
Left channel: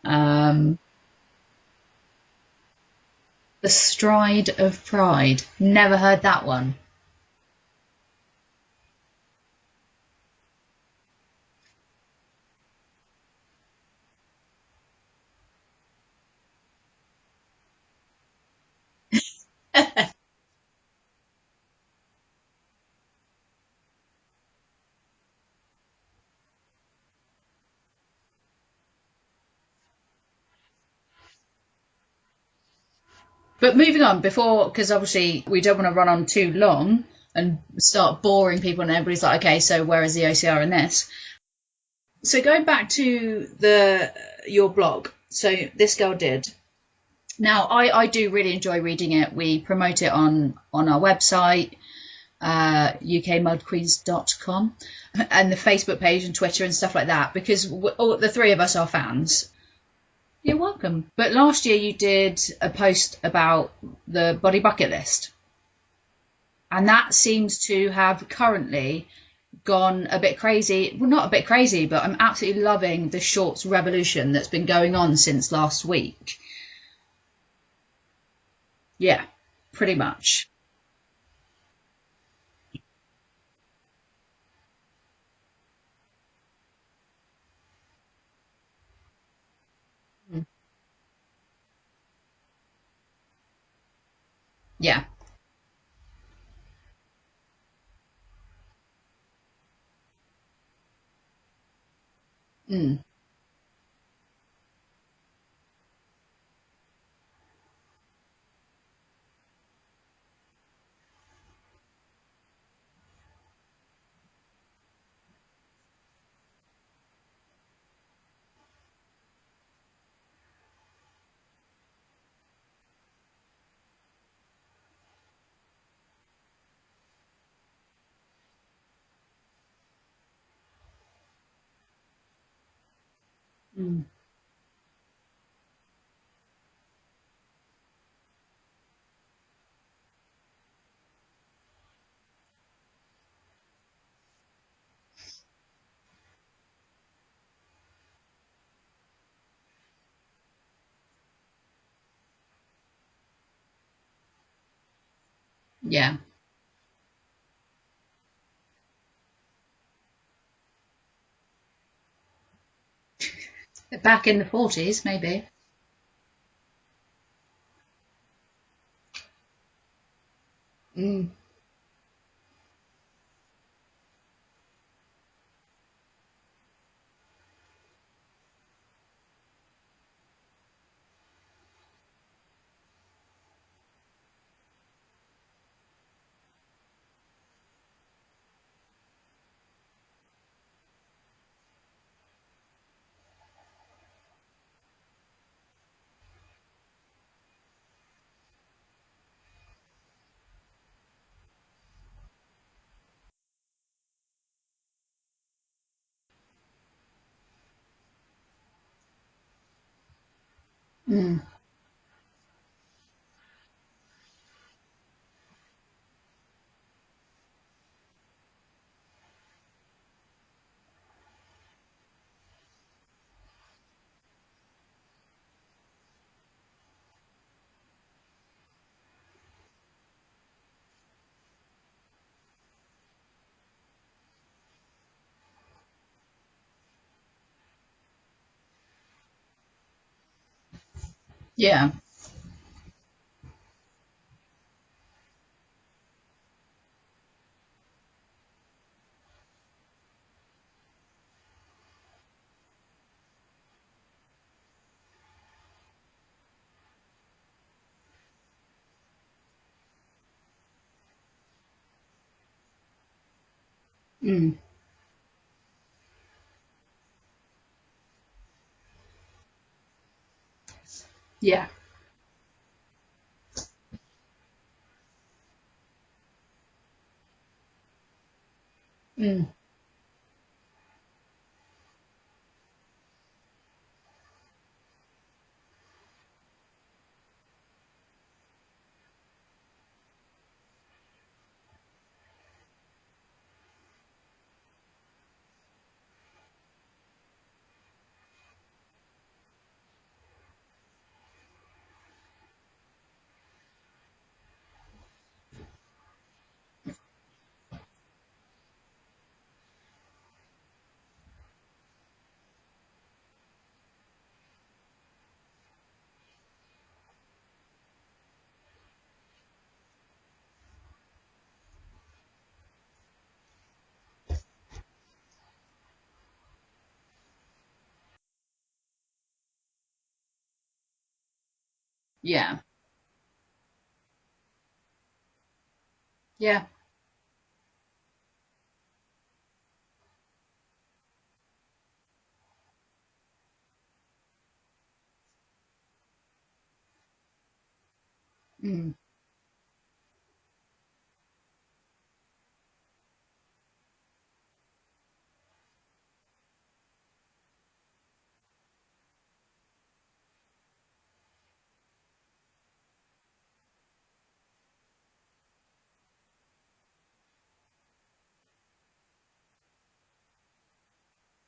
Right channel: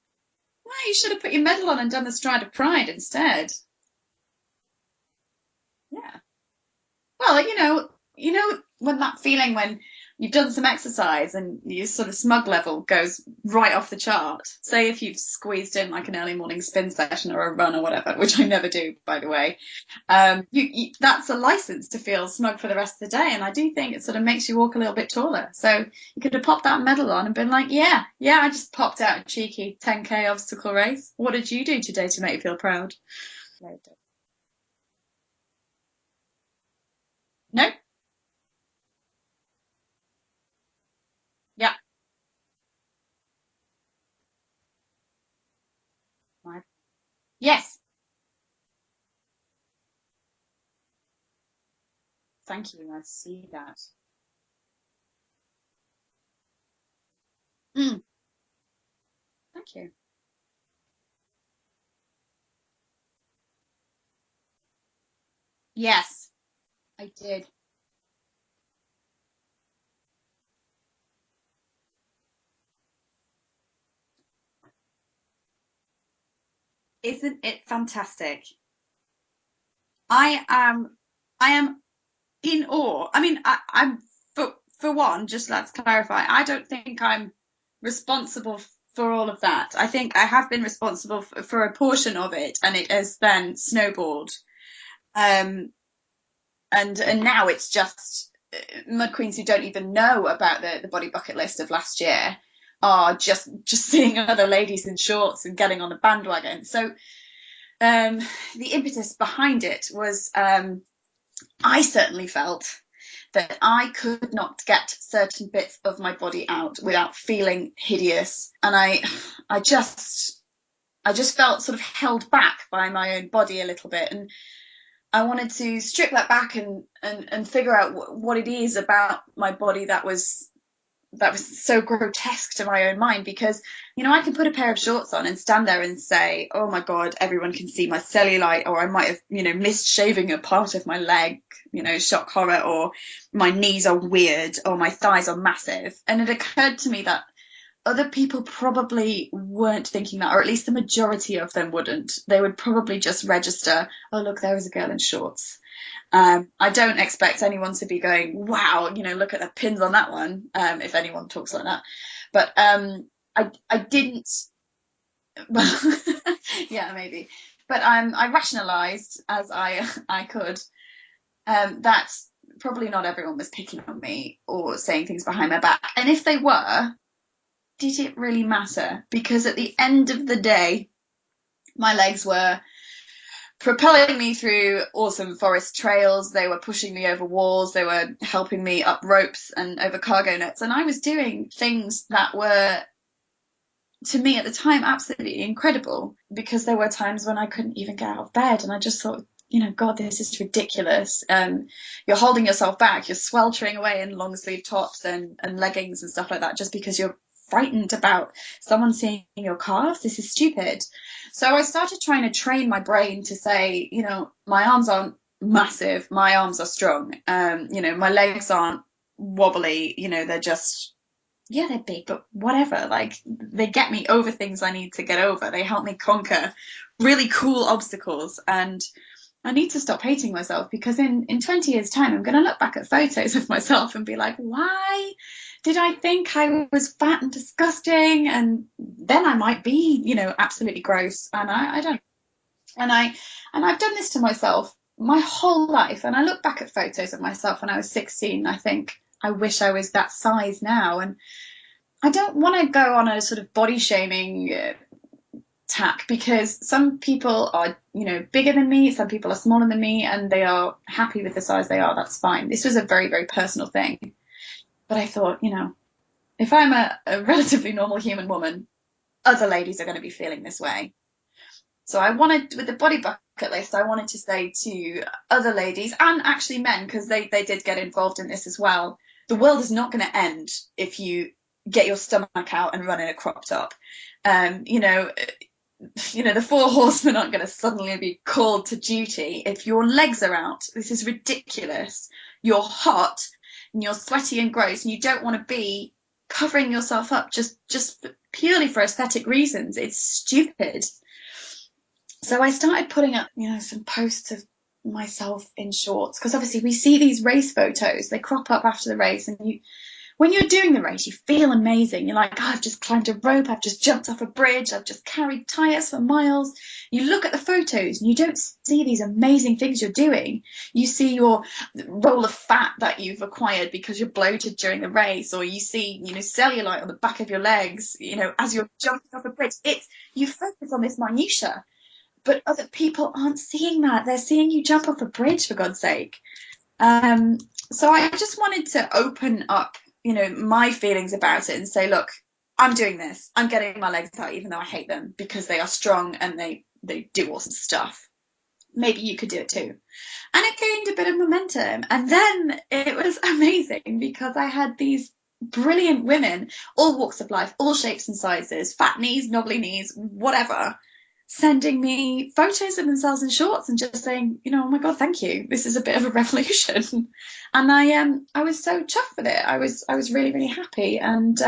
Well, you should have put your medal on and done the Stride of Pride instead. The Stride of Pride. Never heard that one. Well, you know when that feeling when you've done some exercise and your sort of smug level goes right off the chart. Say if you've squeezed in like an early morning spin session or a run or whatever, which I never do, by the way. That's a license to feel smug for the rest of the day, and I do think it sort of makes you walk a little bit taller. So you could have popped that medal on and been like, yeah, I just popped out a cheeky 10K obstacle race. What did you do today to make you feel proud? But moving on, because obviously we don't want to run on too long and start boring people, and everybody's like, okay, so where is the OCR in this? Yeah. So going back to your blog, so This Girl Did. Now, Yes. I do really enjoy reading it. We promote it on our website, ukmudqueens.com, and the Facebook page and Twitter and stuff like that, because the three of us are fans. Thank you. You're welcome. But last year you did a post about the body bucket list. Yes. And that seems to have currently gone a bit crazy. Well, not a bit crazy, but I'm absolutely loving the shorts revolution that's been going on since last week. Isn't it fantastic? Yeah, pretty much. I am in awe. I mean, I'm for one, just let's clarify, I don't think I'm responsible for all of that. I think I have been responsible for a portion of it, and it has then snowballed. Yeah. And now it's just Mud Queens who don't even know about the body bucket list of last year are just seeing other ladies in shorts and getting on the bandwagon. So the impetus behind it was I certainly felt that I could not get certain bits of my body out without feeling hideous, and I just felt sort of held back by my own body a little bit, and I wanted to strip that back and figure out what it is about my body that was so grotesque to my own mind, because I can put a pair of shorts on and stand there and say, oh my god, everyone can see my cellulite, or I might have missed shaving a part of my leg, shock horror, or my knees are weird, or my thighs are massive. And it occurred to me that other people probably weren't thinking that, or at least the majority of them wouldn't. They would probably just register, oh look, there is a girl in shorts. Yeah. I don't expect anyone to be going, wow, look at the pins on that one, if anyone talks like that. But I did back in the 40s, maybe. Well, yeah, maybe. But I rationalised as I could that probably not everyone was picking on me or saying things behind my back. And if they were, did it really matter? Because at the end of the day, my legs were propelling me through awesome forest trails. They were pushing me over walls. They were helping me up ropes and over cargo nets. And I was doing things that were, to me at the time, absolutely incredible, because there were times when I couldn't even get out of bed. And I just thought, God, this is ridiculous. You're holding yourself back. You're sweltering away in long sleeve tops and leggings and stuff like that just because you're frightened about someone seeing your calves. This is stupid. So I started trying to train my brain to say, my arms aren't massive. My arms are strong. My legs aren't wobbly. They're just, yeah, they're big, but whatever. Like, they get me over things I need to get over. They help me conquer really cool obstacles. And I need to stop hating myself, because in 20 years' time, I'm going to look back at photos of myself and be like, why did I think I was fat and disgusting? And then I might be, absolutely gross. And I don't. And I've done this to myself my whole life. And I look back at photos of myself when I was 16. I think, I wish I was that size now. And I don't want to go on a sort of body shaming tack, because some people are, bigger than me, some people are smaller than me, and they are happy with the size they are. That's fine. This was a very, very personal thing. But I thought, if I'm a relatively normal human woman, other ladies are going to be feeling this way. Yeah. So I wanted, with the body bucket list, I wanted to say to other ladies, and actually men, because they did get involved in this as well, the world is not going to end if you get your stomach out and run in a crop top. The 4 horsemen aren't going to suddenly be called to duty if your legs are out. This is ridiculous. You're hot and you're sweaty and gross, and you don't want to be covering yourself up just purely for aesthetic reasons. It's stupid. So I started putting up, some posts of myself in shorts, because obviously we see these race photos. They crop up after the race, and when you're doing the race, you feel amazing. You're like, I've just climbed a rope, I've just jumped off a bridge, I've just carried tyres for miles. You look at the photos and you don't see these amazing things you're doing. You see your roll of fat that you've acquired because you're bloated during the race, or you see, cellulite on the back of your legs, as you're jumping off a bridge. You focus on this minutiae. But other people aren't seeing that. They're seeing you jump off a bridge, for God's sake. Yeah. So I just wanted to open up, my feelings about it and say, look, I'm doing this. I'm getting my legs out, even though I hate them, because they are strong and they do awesome stuff. Maybe you could do it too. And it gained a bit of momentum. And then it was amazing, because I had these brilliant women, all walks of life, all shapes and sizes, fat knees, knobbly knees, whatever, sending me photos of themselves in shorts and just saying, oh my God, thank you. This is a bit of a revolution. And I was so chuffed with it. I was really, really happy. And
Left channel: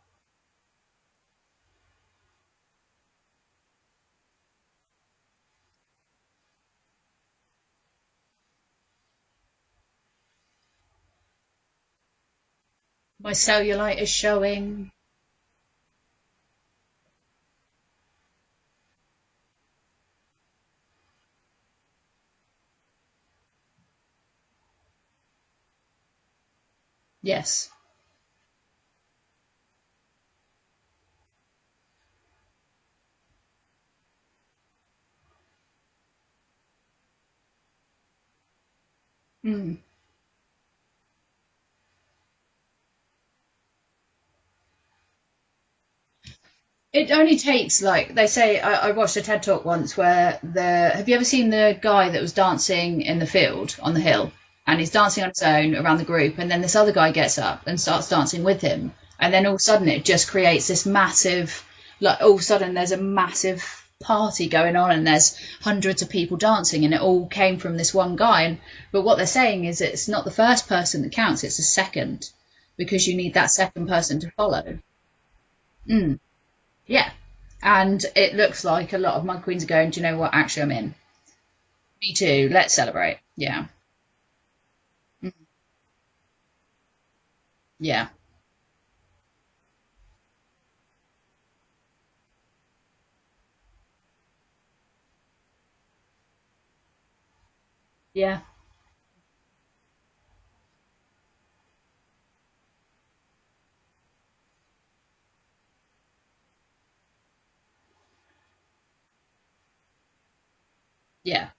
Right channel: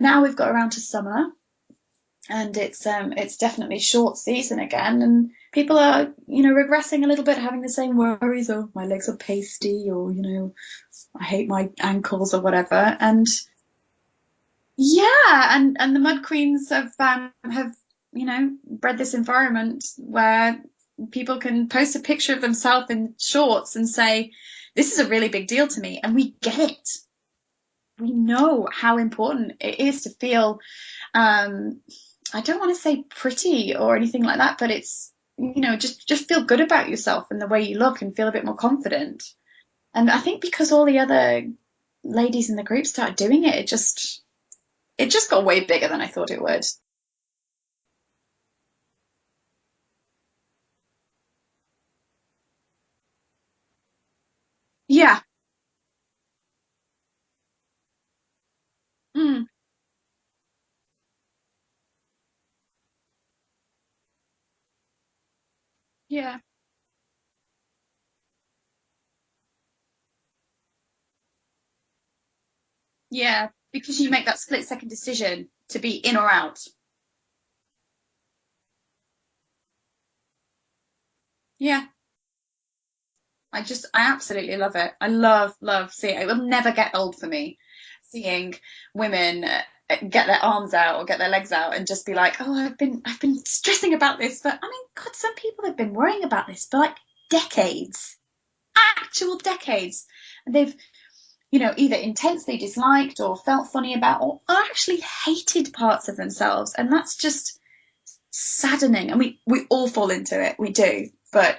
now we've got around to summer, and it's definitely short season again, and people are, regressing a little bit, having the same worries, oh, my legs are pasty, or, I hate my ankles or whatever. And my cellulite is showing. Yeah, and the Mud Queens have bred this environment where people can post a picture of themselves in shorts and say, this is a really big deal to me. And we get it. Yes. We know how important it is to feel, I don't want to say pretty or anything like that, but it's, just feel good about yourself and the way you look, and feel a bit more confident. And I think because all the other ladies in the group started doing it, it just got way bigger than I thought it would. It only takes, like they say, I watched a TED Talk once where have you ever seen the guy that was dancing in the field on the hill? And he's dancing on his own around the group, and then this other guy gets up and starts dancing with him. And then all of a sudden it just creates this massive, all of a sudden there's a massive party going on, and there's hundreds of people dancing, and it all came from this one guy. But what they're saying is it's not the first person that counts, it's the second. Because you need that second person to follow. Because you make that split-second decision to be in or out. Yeah. And it looks like a lot of Mud Queens are going, do you know what, actually I'm in. Yeah. Me too, let's celebrate. Yeah. I absolutely love it. I love seeing it. It will never get old for me. Yeah. Seeing women get their arms out or get their legs out and just be like, oh, I've been stressing about this. But, God, some people have been worrying about this for, decades. Yeah. Actual decades. And they've, either intensely disliked or felt funny about, or actually hated parts of themselves. And that's just saddening. And we all fall into it. We do. Yeah. But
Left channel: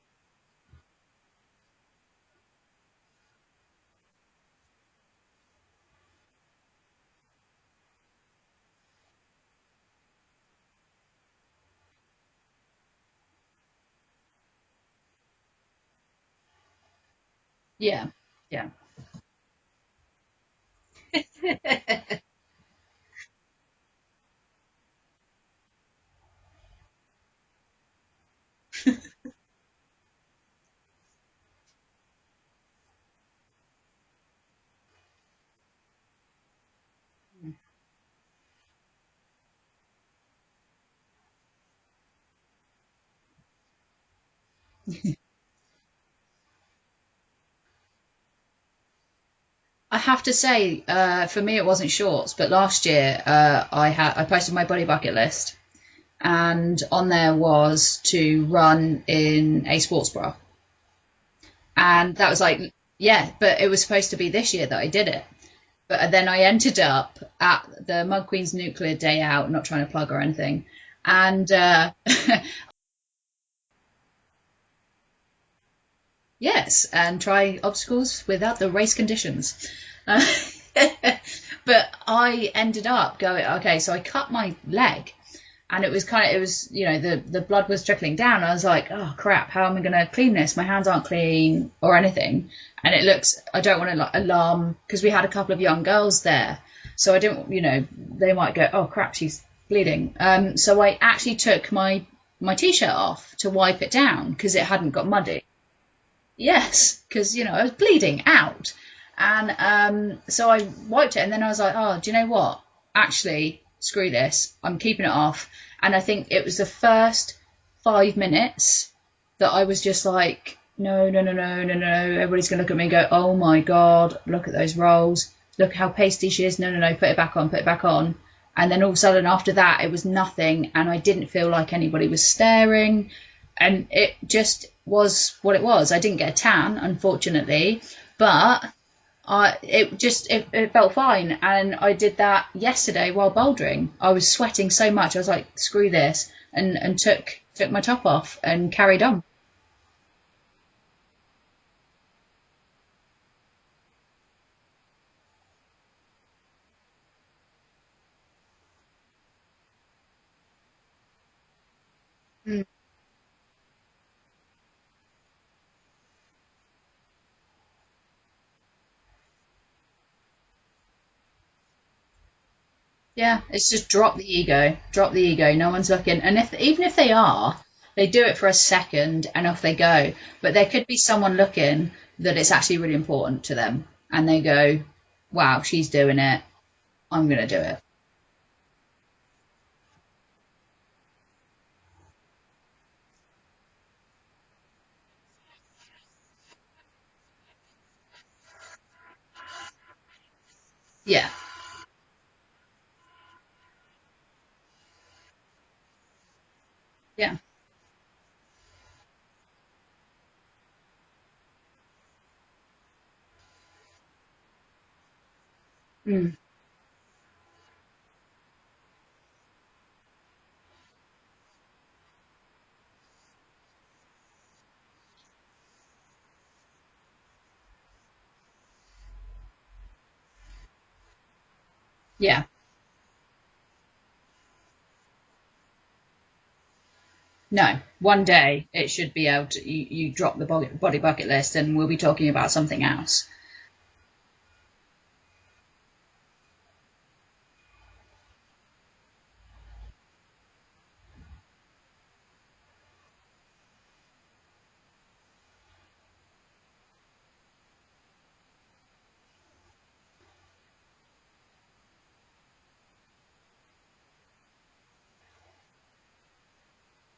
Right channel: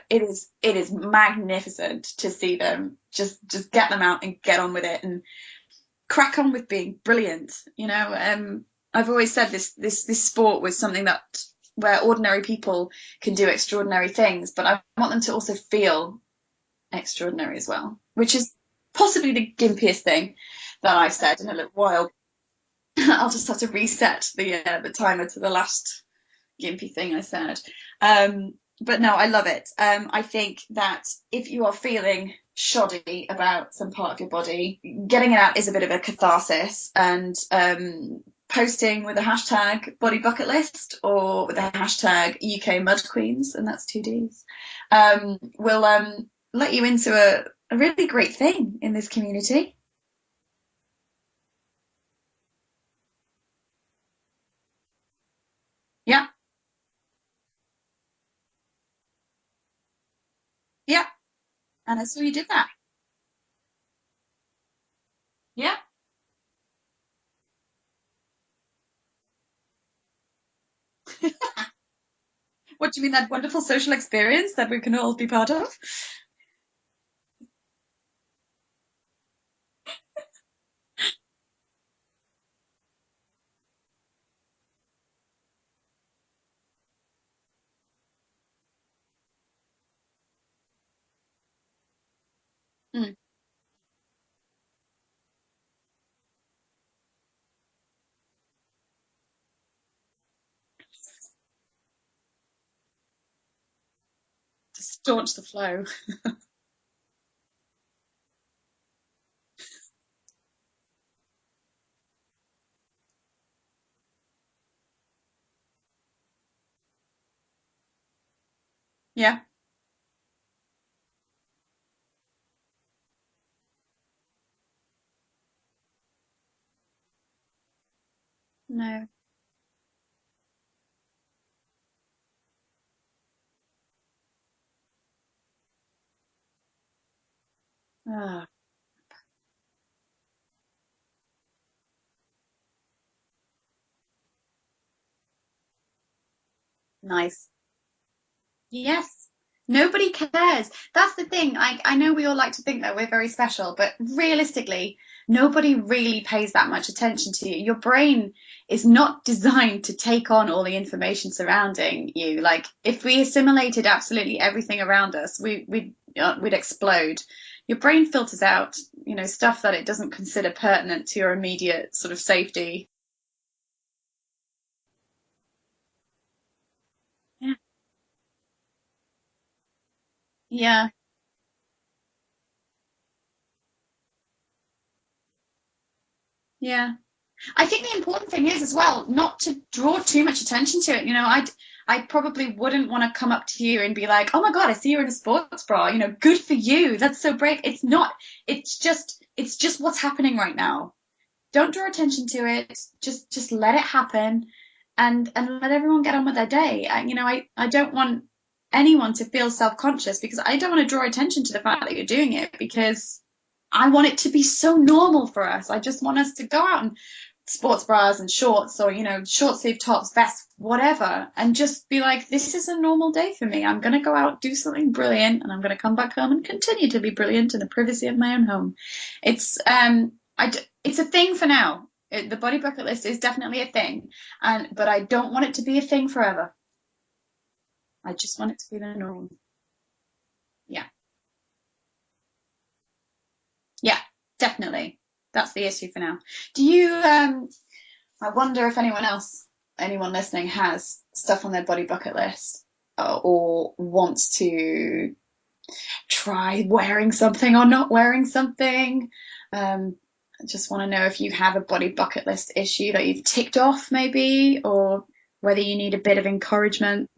it is magnificent to see them just get them out and get on with it and crack on with being brilliant. I've always said this sport was something that where ordinary people can do extraordinary things, but I want them to also feel extraordinary as well. Yeah. Which is possibly the gimpiest thing that I've said in a little while. I'll just have to reset the timer to the last gimpy thing I said. But no, I love it. I think that if you are feeling shoddy about some part of your body, getting it out is a bit of a catharsis, and posting with a hashtag body bucket list or with a hashtag UK Mud Queens, and that's 2 Ds, will let you into a really great thing in this community. I have to say, for me, it wasn't shorts, but last year I posted my body bucket list. Yeah. And on there was to run in a sports bra. Yeah. And that was like, but it was supposed to be this year that I did it. Yeah. But then I ended up at the Mud Queen's Nuclear Day Out, not trying to plug or anything. And what do you mean, that wonderful social experience that we can all be part of? Yes, and try obstacles without the race conditions. But I ended up going, okay, so I cut my leg, and it was the blood was trickling down. I was like, oh crap, how am I going to clean this? My hands aren't clean or anything. And it looks, I don't want to alarm, because we had a couple of young girls there. So I didn't, they might go, oh crap, she's bleeding. So I actually took my t-shirt off to wipe it down, because it hadn't got muddy. Flow. Yes, because I was bleeding out, and so I wiped it, and then I was like, oh, do you know what, actually screw this, I'm keeping it off. And I think it was the first 5 minutes that I was just like, no, everybody's gonna look at me and go, oh my god, look at those rolls, look how pasty she is, no, put it back on. And then all of a sudden after that, it was nothing, and I didn't feel like anybody was staring, and it just was what it was. I didn't get a tan, unfortunately, but it felt fine. And I did that yesterday while bouldering. I was sweating so much, I was like, screw this, and took my top off and carried on. Nobody cares. That's the thing. I know we all like to think that we're very special, but realistically, nobody really pays that much attention to you. Your brain is not designed to take on all the information surrounding you. Like, if we assimilated absolutely everything around us, we'd explode. Your brain filters out, stuff that it doesn't consider pertinent to your immediate sort of safety. Yeah, it's just drop the ego. No one's looking. And even if they are, they do it for a second and off they go. But there could be someone looking that it's actually really important to them, and they go, wow, she's doing it. Yeah. I'm going to do it. I think the important thing is as well not to draw too much attention to it. I probably wouldn't want to come up to you and be like, oh my God, I see you're in a sports bra. Good for you. That's so brave. It's not. It's just what's happening right now. Yeah. Don't draw attention to it. Just let it happen, and let everyone get on with their day. I don't want anyone to feel self-conscious, because I don't want to draw attention to the fact that you're doing it, because I want it to be so normal for us. I just want us to go out in sports bras and shorts, or, short sleeve tops, vests, whatever, and just be like, this is a normal day for me. I'm going to go out, do something brilliant, and I'm going to come back home and continue to be brilliant in the privacy of my own home. It's a thing for now. The body bucket list is definitely a thing, but I don't want it to be a thing forever. No, one day it should be able to, you drop the body bucket list and we'll be talking about something else. Yeah, definitely. That's the issue for now. Do you, I wonder if anyone listening has stuff on their body bucket list, or wants to try wearing something or not wearing something. I just want to know if you have a body bucket list issue that you've ticked off maybe, or whether you need a bit of encouragement.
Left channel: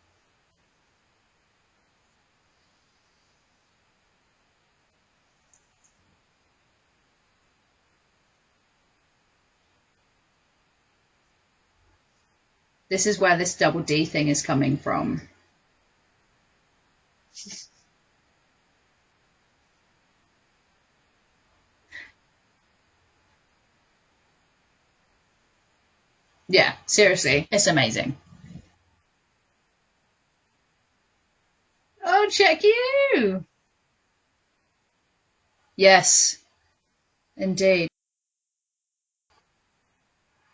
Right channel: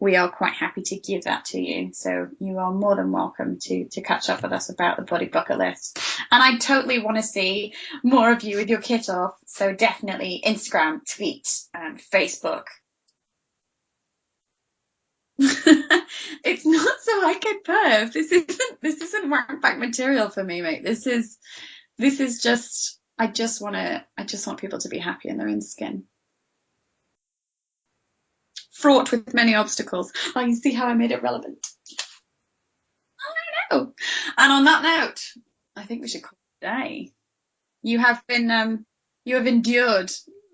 We are quite happy to give that to you. So you are more than welcome to catch up with us about the body bucket list. And I totally want to see more of you with your kit off. So definitely Instagram, tweet, Facebook. This is where this double D thing is coming from. It's not so I get perv. This isn't work back material for me, mate. This is just, I just want people to be happy in their own skin. Yeah, seriously. It's amazing. Fraught with many obstacles. Oh, you see how I made it relevant? Oh, check you! I know. And on that note, yes, day indeed, you have endured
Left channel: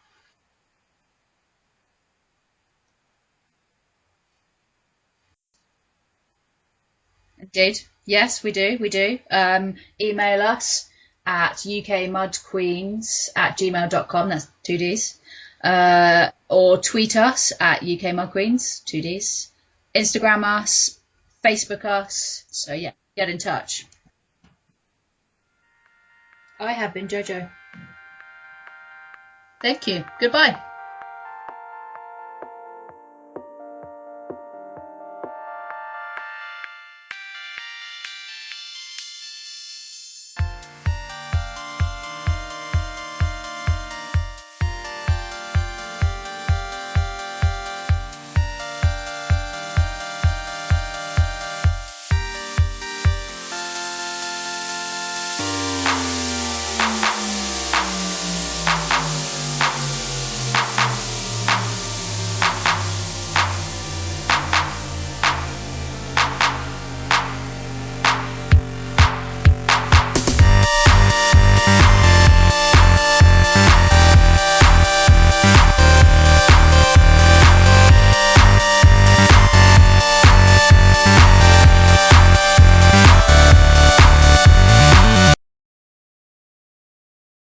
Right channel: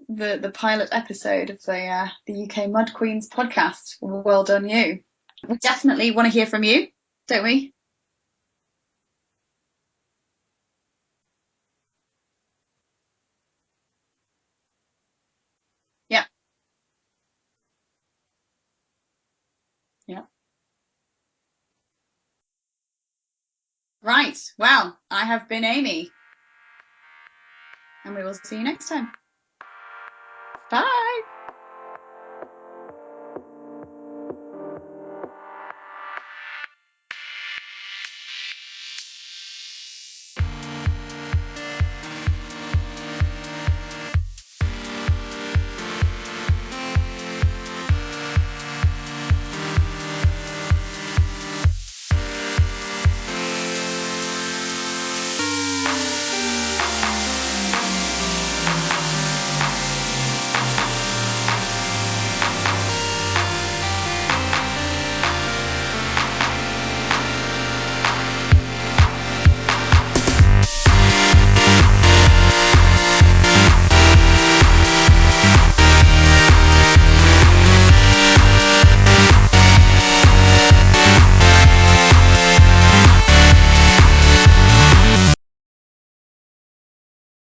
the pilot episode of the UK Mud Queens podcast. Well done, you. We definitely want to hear from you, don't we? Indeed. Yes, we do. We do. Email us at ukmudqueens@gmail.com. That's 2 Ds. Or tweet us at ukmudqueens, 2 Ds. Instagram us, Facebook us. So yeah, get in touch. Right. Well, I have been Amy. I have been Jojo. And we will see you next time. Thank you. Goodbye. Bye.